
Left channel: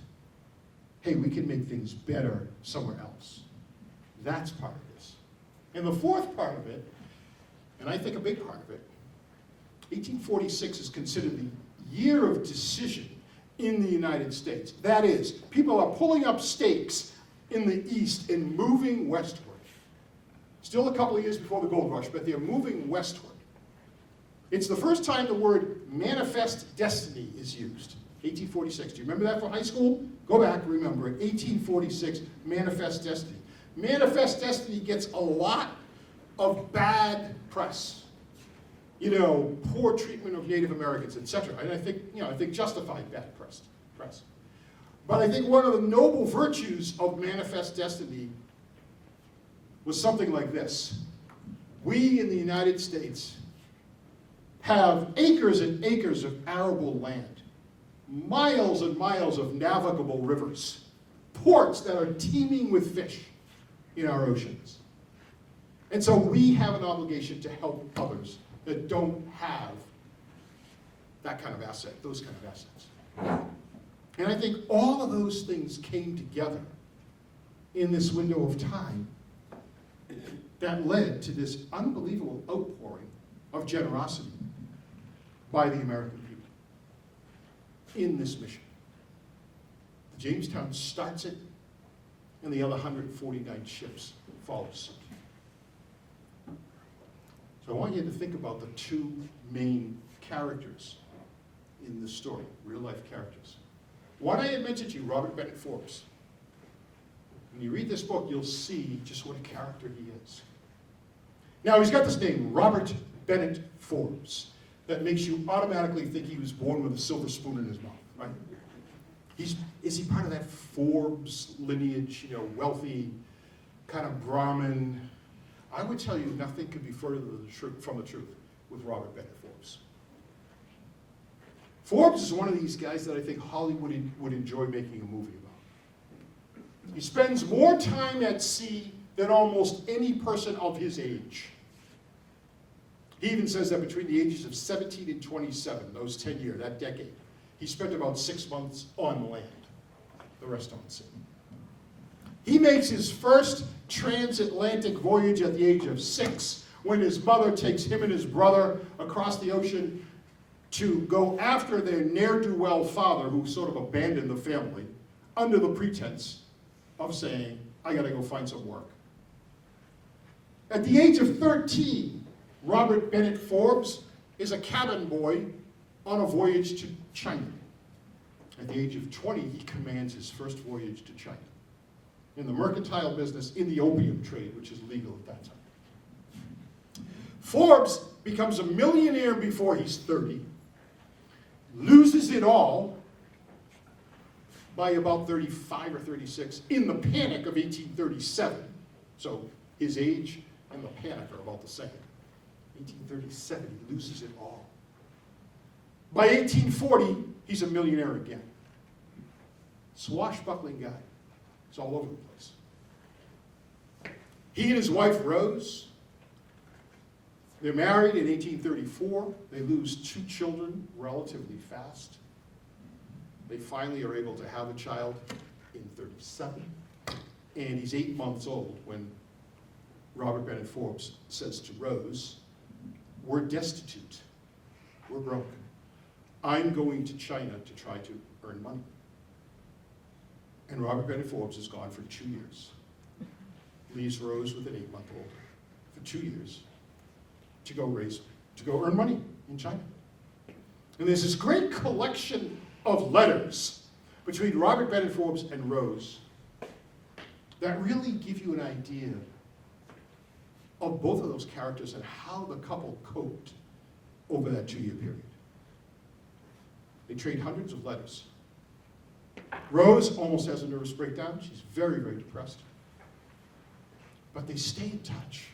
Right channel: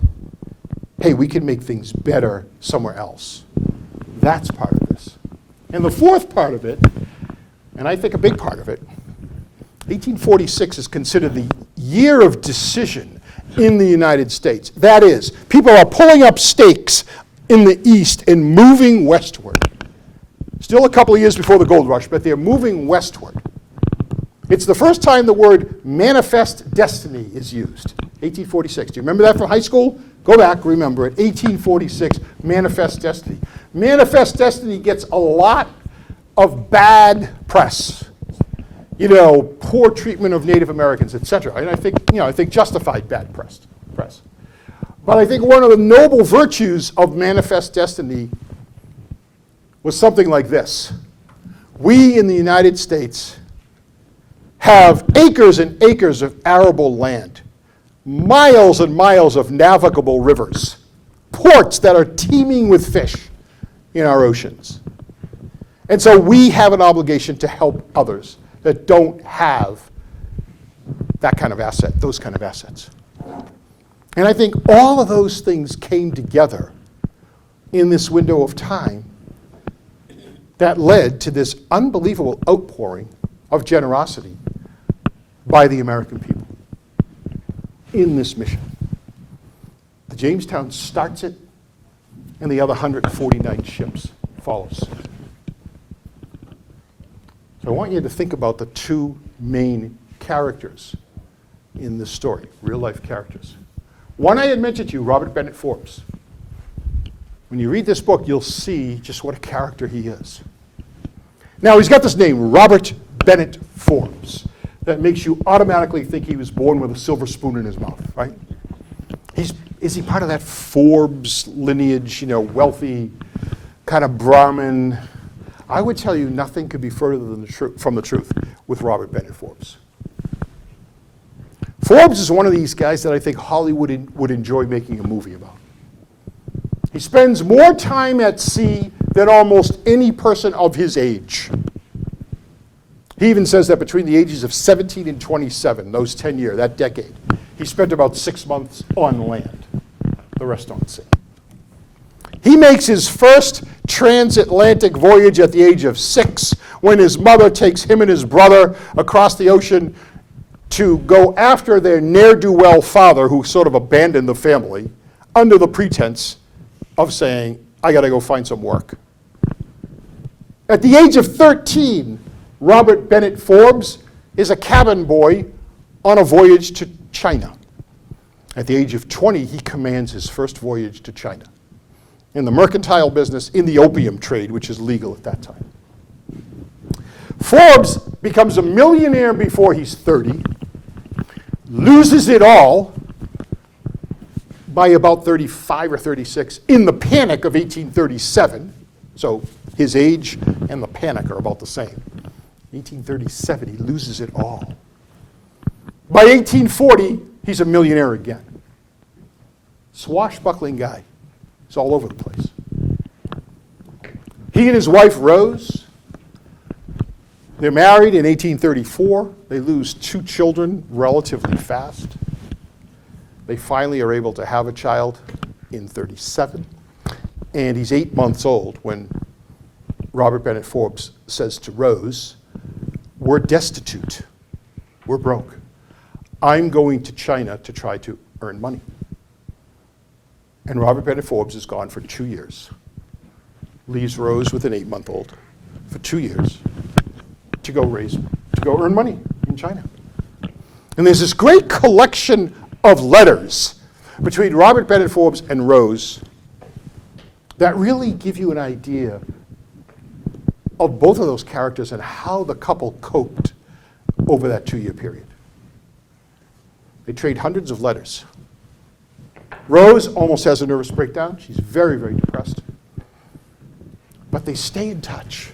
Hey, we can make things better somewhere else. That's part of this. And the fourth part of it, and I think a big part of it, 1846 is considered the year of decision in the United States. That is, people are pulling up stakes in the East and moving westward. Still a couple of years before the gold rush, but they're moving westward. It's the first time the word manifest destiny is used, 1846. Do you remember that from high school? Go back, remember it, 1846, manifest destiny. Manifest destiny gets a lot of bad press. Poor treatment of Native Americans, etc. And I think justified bad press. But I think one of the noble virtues of manifest destiny was something like this. We in the United States have acres and acres of arable land, miles and miles of navigable rivers, ports that are teeming with fish in our oceans. And so we have an obligation to help others that don't have that kind of asset, those kind of assets. And I think all of those things came together in this window of time that led to this unbelievable outpouring of generosity by the American people in this mission. The Jamestown starts it, and the other 149 ships follows. So I want you to think about the two main characters in this story, real-life characters. One I had mentioned to you, Robert Bennett Forbes. When you read this book, you'll see just what a character he is. Now, he's got this name, Robert Bennett Forbes. that makes you automatically think he was born with a silver spoon in his mouth, right? Is he part of that Forbes lineage, wealthy kind of Brahmin? I would tell you nothing could be further than from the truth with Robert Bennett Forbes. Forbes is one of these guys that I think Hollywood would enjoy making a movie about. He spends more time at sea than almost any person of his age. He even says that between the ages of 17 and 27, those 10 years, that decade, he spent about 6 months on land, the rest on sea. He makes his first transatlantic voyage at the age of 6 when his mother takes him and his brother across the ocean to go after their ne'er-do-well father, who sort of abandoned the family, under the pretense of saying, I got to go find some work. At the age of 13, Robert Bennett Forbes is a cabin boy on a voyage to China. At the age of 20, he commands his first voyage to China in the mercantile business, in the opium trade, which is legal at that time. Forbes becomes a millionaire before he's 30, loses it all by about 35 or 36 in the Panic of 1837. So his age and the Panic are about the same. 1837, he loses it all. By 1840, he's a millionaire again. Swashbuckling guy. He's all over the place. He and his wife, Rose, they're married in 1834. They lose 2 children relatively fast. They finally are able to have a child in 37. And he's 8 months old when Robert Bennett Forbes says to Rose, we're destitute. We're broke. I'm going to China to try to earn money. And Robert Bennett Forbes is gone for 2 years. Leaves Rose with an 8-month-old for 2 years to go earn money in China. And there's this great collection of letters between Robert Bennett Forbes and Rose that really give you an idea of both of those characters and how the couple coped over that 2-year period. They trade hundreds of letters. Rose almost has a nervous breakdown. She's very, very depressed. But they stay in touch.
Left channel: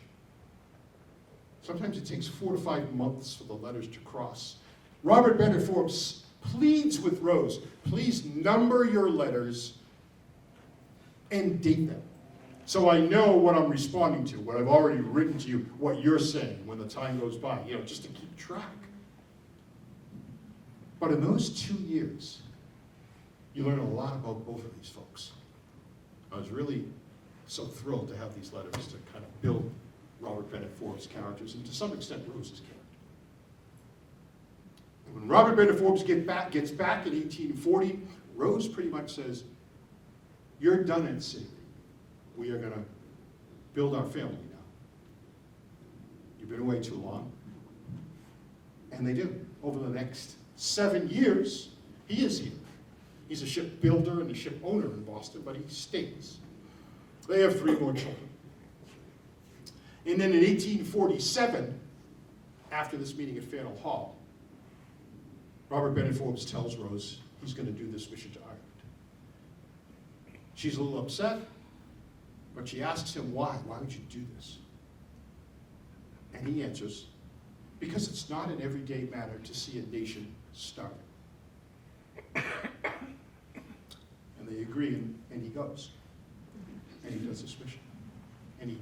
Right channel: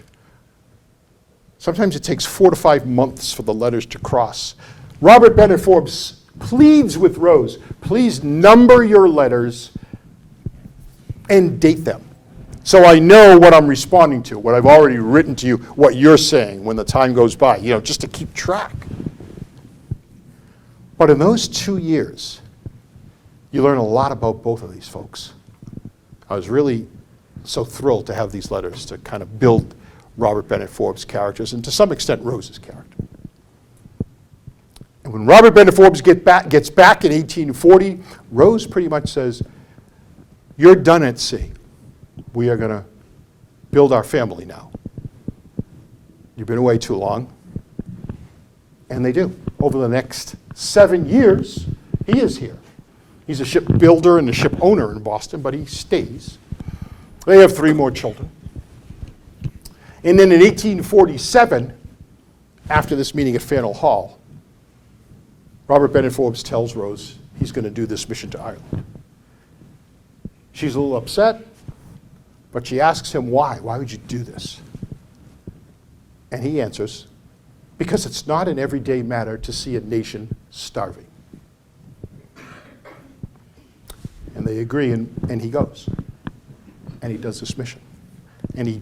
Sometimes it takes 4 to 5 months for the letters to cross. Robert Bennett Forbes pleads with Rose, please number your letters and date them, so I know what I'm responding to, what I've already written to you, what you're saying when the time goes by, just to keep track. But in those 2 years, you learn a lot about both of these folks. I was really so thrilled to have these letters to kind of build Robert Bennett Forbes' characters and to some extent Rose's character. And when Robert Bennett Forbes gets back in 1840, Rose pretty much says, you're done at sea. We are going to build our family now. You've been away too long. And they do. Over the next 7 years, he is here. He's a ship builder and a ship owner in Boston, but he stays. They have 3 more children. And then in 1847, after this meeting at Faneuil Hall, Robert Bennett Forbes tells Rose he's going to do this mission to Ireland. She's a little upset, but she asks him why. Why would you do this? And he answers, because it's not an everyday matter to see a nation starving. And they agree, and he goes. And he does this mission. And he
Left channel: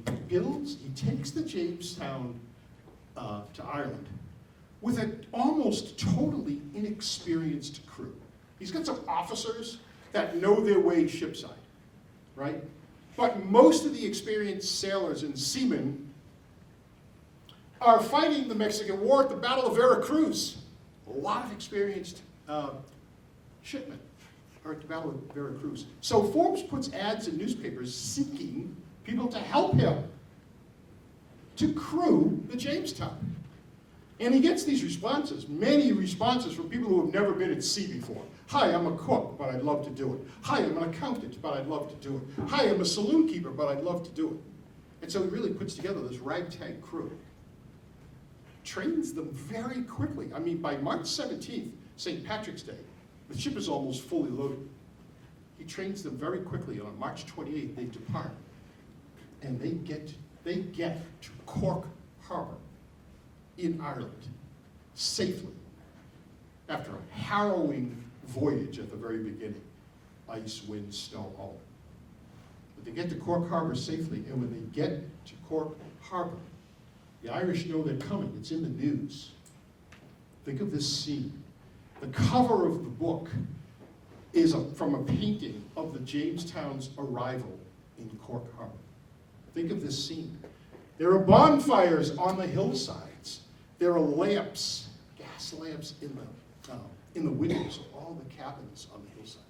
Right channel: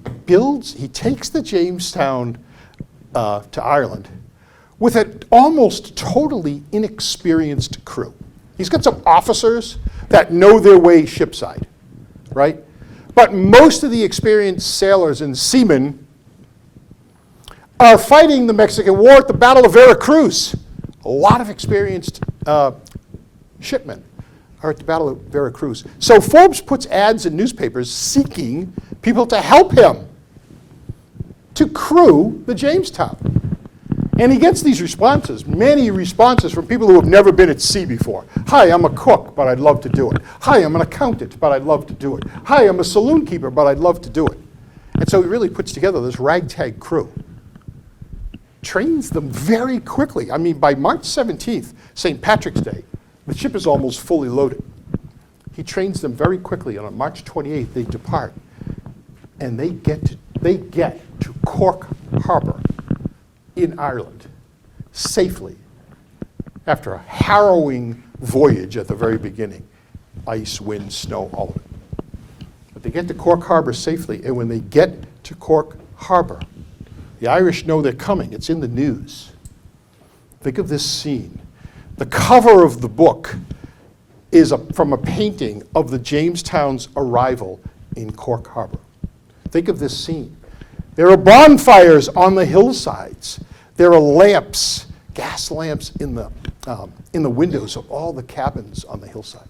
takes the Jamestown to Ireland with an almost totally inexperienced crew. He's got some officers that know their way shipside, right? But most of the experienced sailors and seamen are fighting the Mexican War at the Battle of Veracruz. A lot of experienced shipmen are at the Battle of Veracruz. So Forbes puts ads in newspapers seeking people to help him to crew the Jamestown. And he gets these responses, many responses from people who have never been at sea before. Hi, I'm a cook, but I'd love to do it. Hi, I'm an accountant, but I'd love to do it. Hi, I'm a saloon keeper, but I'd love to do it. And so he really puts together this ragtag crew. trains them very quickly. I mean, by March 17th, St. Patrick's Day, the ship is almost fully loaded. He trains them very quickly, and on March 28th, they depart, and they get to Cork Harbor in Ireland safely after a harrowing voyage at the very beginning. Ice, wind, snow, all of it. But they get to Cork Harbor safely, and when they get to Cork Harbor, the Irish know they're coming. It's in the news. Think of this scene. The cover of the book is from a painting of the Jamestown's arrival in Cork Harbor. Think of this scene. There are bonfires on the hillsides. There are lamps, gas lamps in the windows of all the cabins on the hillside.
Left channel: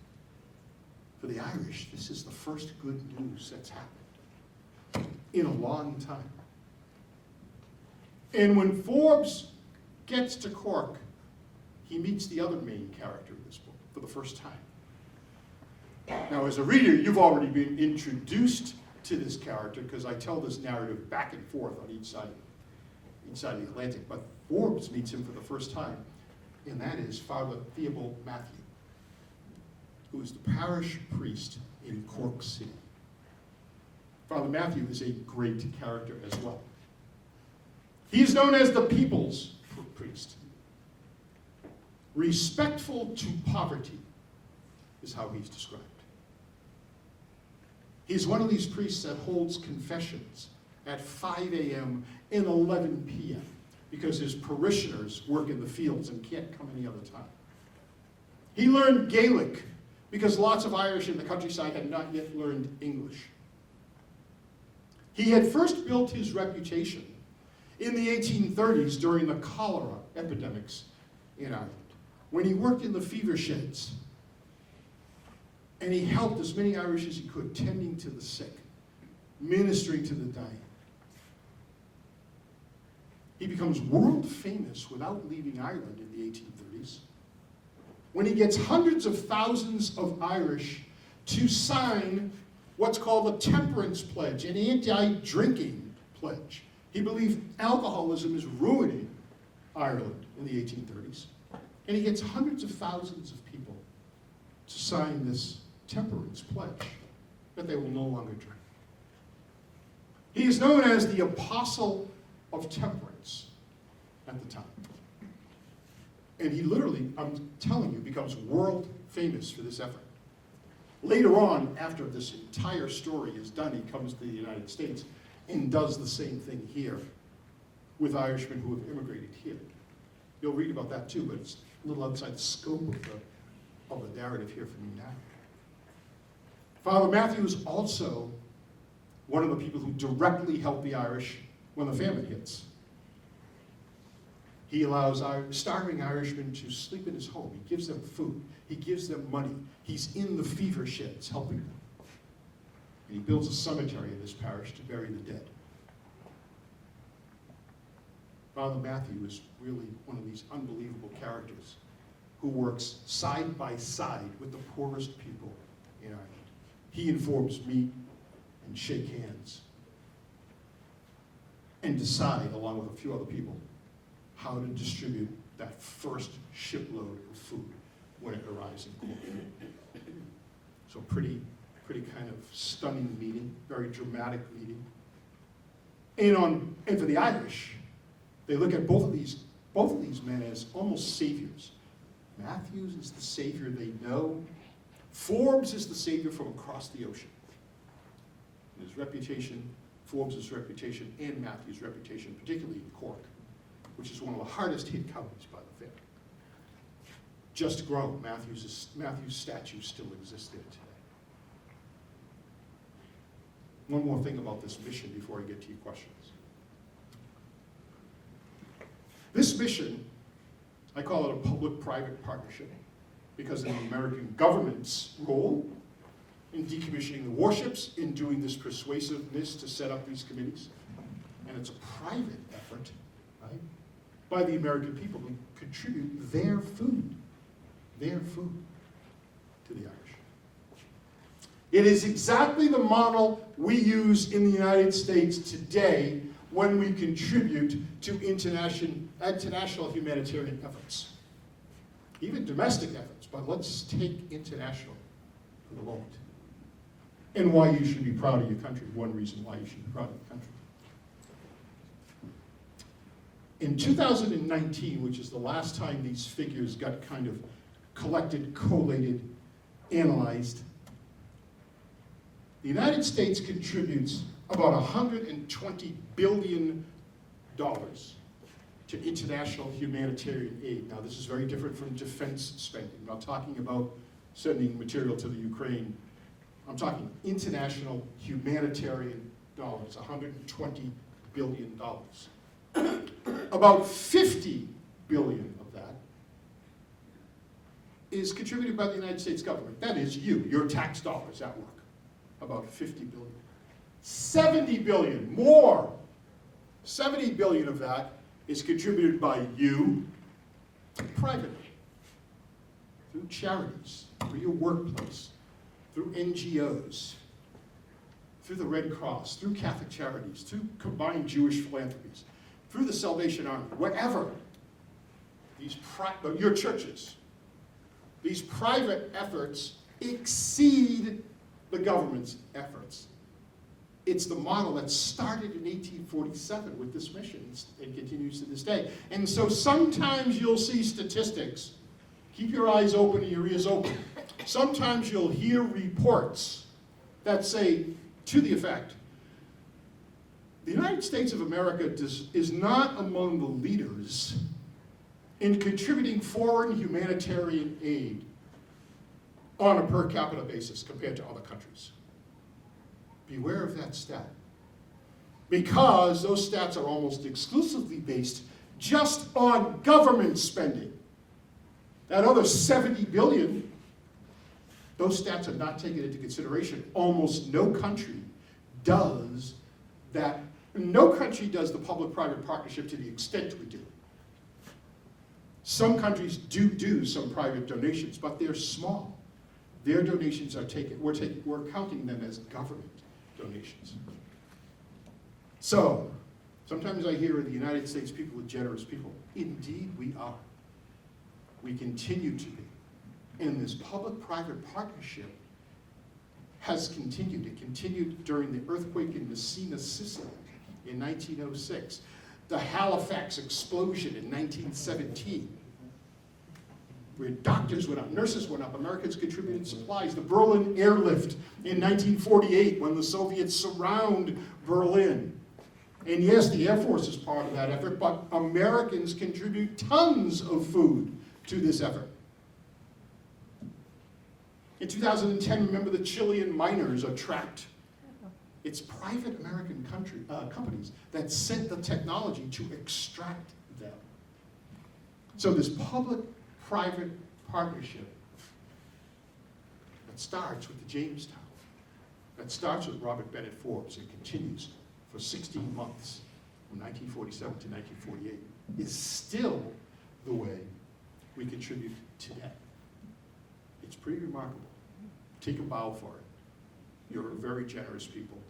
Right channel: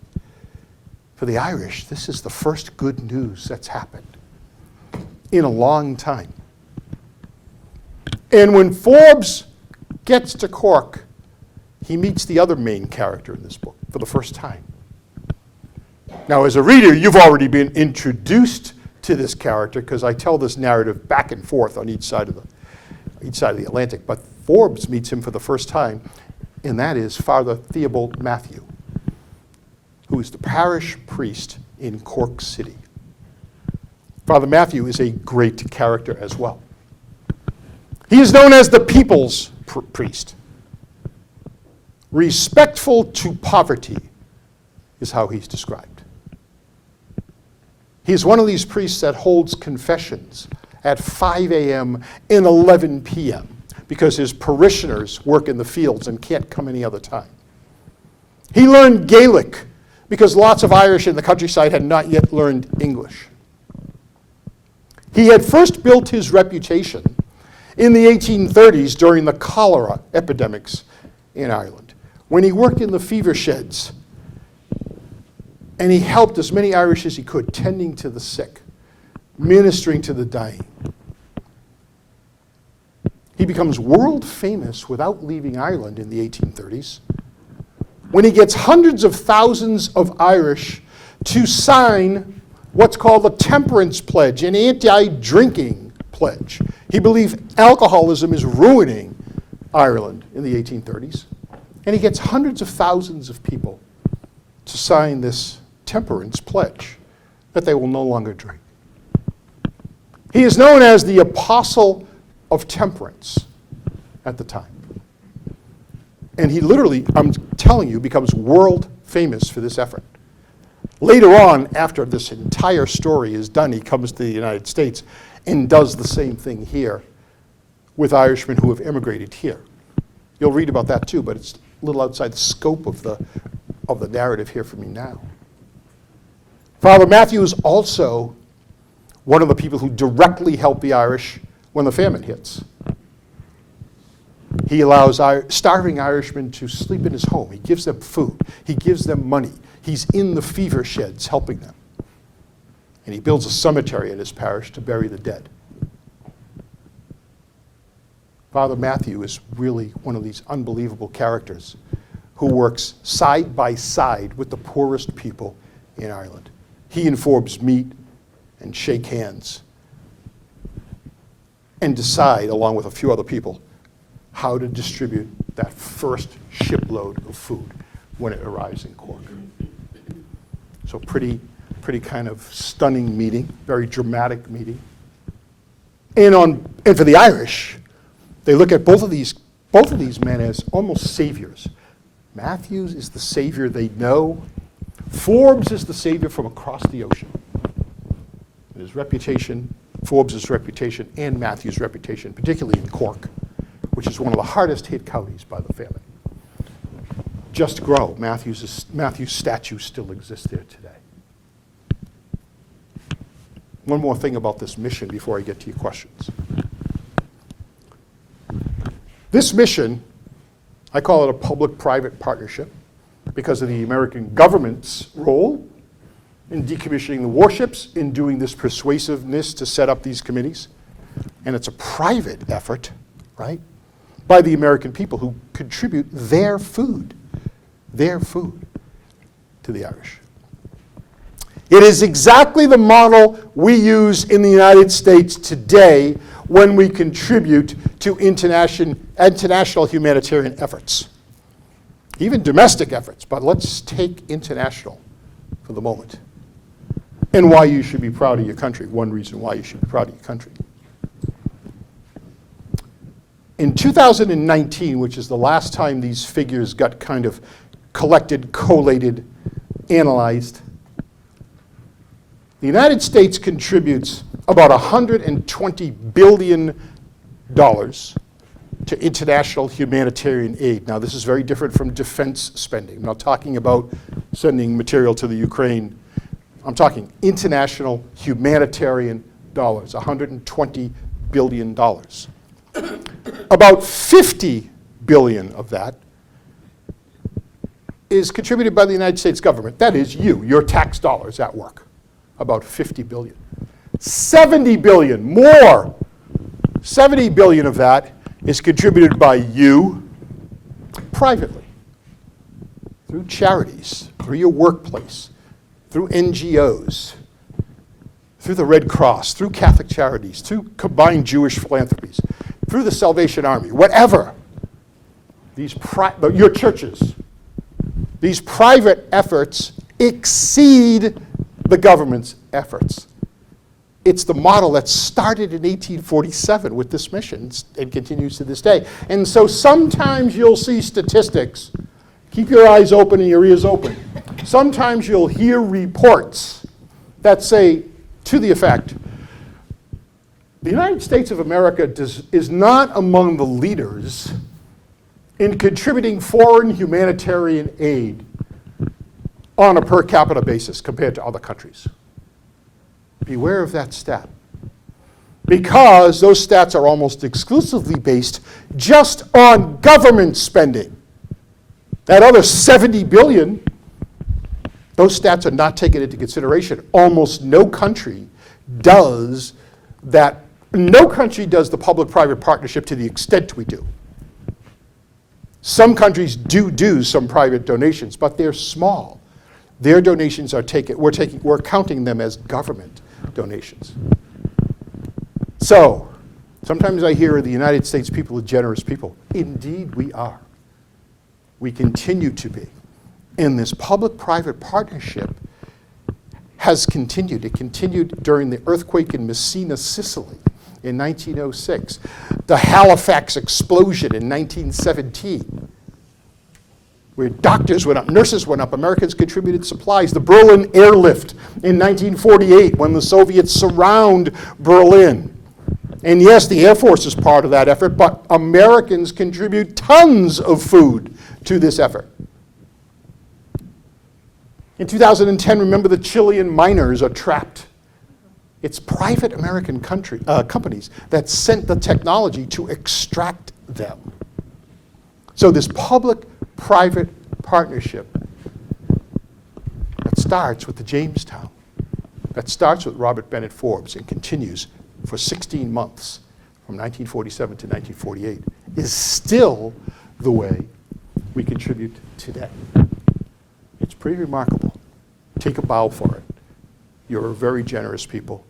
For the Irish, this is the first good news that's happened in a long time. And when Forbes gets to Cork, he meets the other main character in this book for the first time. Now, as a reader, you've already been introduced to this character because I tell this narrative back and forth on each side of the Atlantic. But Forbes meets him for the first time, and that is Father Theobald Matthew, who is the parish priest in Cork City. Father Matthew is a great character as well. He is known as the people's priest. Respectful to poverty is how he's described. He's one of these priests that holds confessions at 5 a.m. and 11 p.m. because his parishioners work in the fields and can't come any other time. He learned Gaelic because lots of Irish in the countryside had not yet learned English. He had first built his reputation in the 1830s during the cholera epidemics in Ireland, when he worked in the fever sheds and he helped as many Irish as he could, tending to the sick, ministering to the dying. He becomes world famous without leaving Ireland in the 1830s, when he gets hundreds of thousands of Irish to sign what's called the Temperance Pledge, an anti-drinking pledge. He believed alcoholism is ruining Ireland in the 1830s. And he gets hundreds of thousands of people to sign this temperance pledge that they will no longer drink. He is known as the Apostle of Temperance at the time. And he literally, I'm telling you, becomes world famous for this effort. Later on, after this entire story is done, he comes to the United States and does the same thing here with Irishmen who have immigrated here. You'll read about that too, but it's a little outside the scope of the narrative here for me now. Father Matthew is also one of the people who directly help the Irish when the famine hits. He allows starving Irishmen to sleep in his home. He gives them food. He gives them money. He's in the fever sheds helping them. And he builds a cemetery in his parish to bury the dead. Father Matthew is really one of these unbelievable characters who works side by side with the poorest people in Ireland. He and Forbes meet and shake hands and decide, along with a few other people, how to distribute that first shipload of food when it arrives in Cork. So pretty kind of stunning meeting, very dramatic meeting. And for the Irish, they look at both of these men as almost saviors. Matthews is the savior they know. Forbes is the savior from across the ocean. His reputation, Forbes' reputation, and Matthews' reputation, particularly in Cork, which is one of the hardest hit counties by the famine, just grow. Matthew's statue still exists there today. One more thing about this mission before I get to your questions. This mission, I call it a public-private partnership because of the American government's role in decommissioning the warships, in doing this persuasiveness to set up these committees. And it's a private effort, right, by the American people who contribute their food to the Irish. It is exactly the model we use in the United States today when we contribute to international humanitarian efforts. Even domestic efforts, but let's take international for the moment. And why you should be proud of your country, one reason why you should be proud of your country. In 2019, which is the last time these figures got kind of collected, collated, analyzed, the United States contributes about $120 billion to international humanitarian aid. Now, this is very different from defense spending. I'm not talking about sending material to the Ukraine. I'm talking international humanitarian dollars, $120 billion. About $50 billion of that is contributed by the United States government. That is you, your tax dollars at work. About $50 billion. 70 billion, more. 70 billion of that is contributed by you privately, through charities, through your workplace, through NGOs, through the Red Cross, through Catholic Charities, through combined Jewish philanthropies, through the Salvation Army, whatever. Your churches, these private efforts exceed the government's efforts. It's the model that started in 1847 with this mission and continues to this day. And so sometimes you'll see statistics. Keep your eyes open and your ears open. Sometimes you'll hear reports that say, to the effect, the United States of America is not among the leaders in contributing foreign humanitarian aid on a per capita basis compared to other countries. Beware of that stat, because those stats are almost exclusively based just on government spending. That other 70 billion, those stats are not taken into consideration. Almost no country does that. No country does the public-private partnership to the extent we do. Some countries do some private donations, but they're small. Their donations are taken, we're counting them as government donations. So, sometimes I hear the United States people are generous people. Indeed we are. We continue to be. And this public-private partnership has continued. It continued during the earthquake in Messina, Sicily in 1906, the Halifax explosion in 1917, where doctors went up, nurses went up, Americans contributed supplies. The Berlin airlift in 1948 when the Soviets surround Berlin. And yes, the Air Force is part of that effort, but Americans contribute tons of food to this effort. In 2010, remember the Chilean miners are trapped. It's private American companies that sent the technology to extract them. So this public-private partnership that starts with the Jamestown, that starts with Robert Bennett Forbes and continues for 16 months from 1947 to 1948 is still the way we contribute today. It's pretty remarkable. Take a bow for it. You're a very generous people.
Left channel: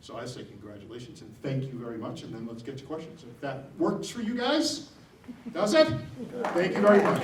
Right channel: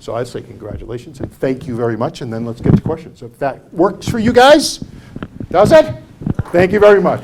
So I say congratulations and thank you very much, and then let's get to questions. If that works for you guys, does it? Thank you very much.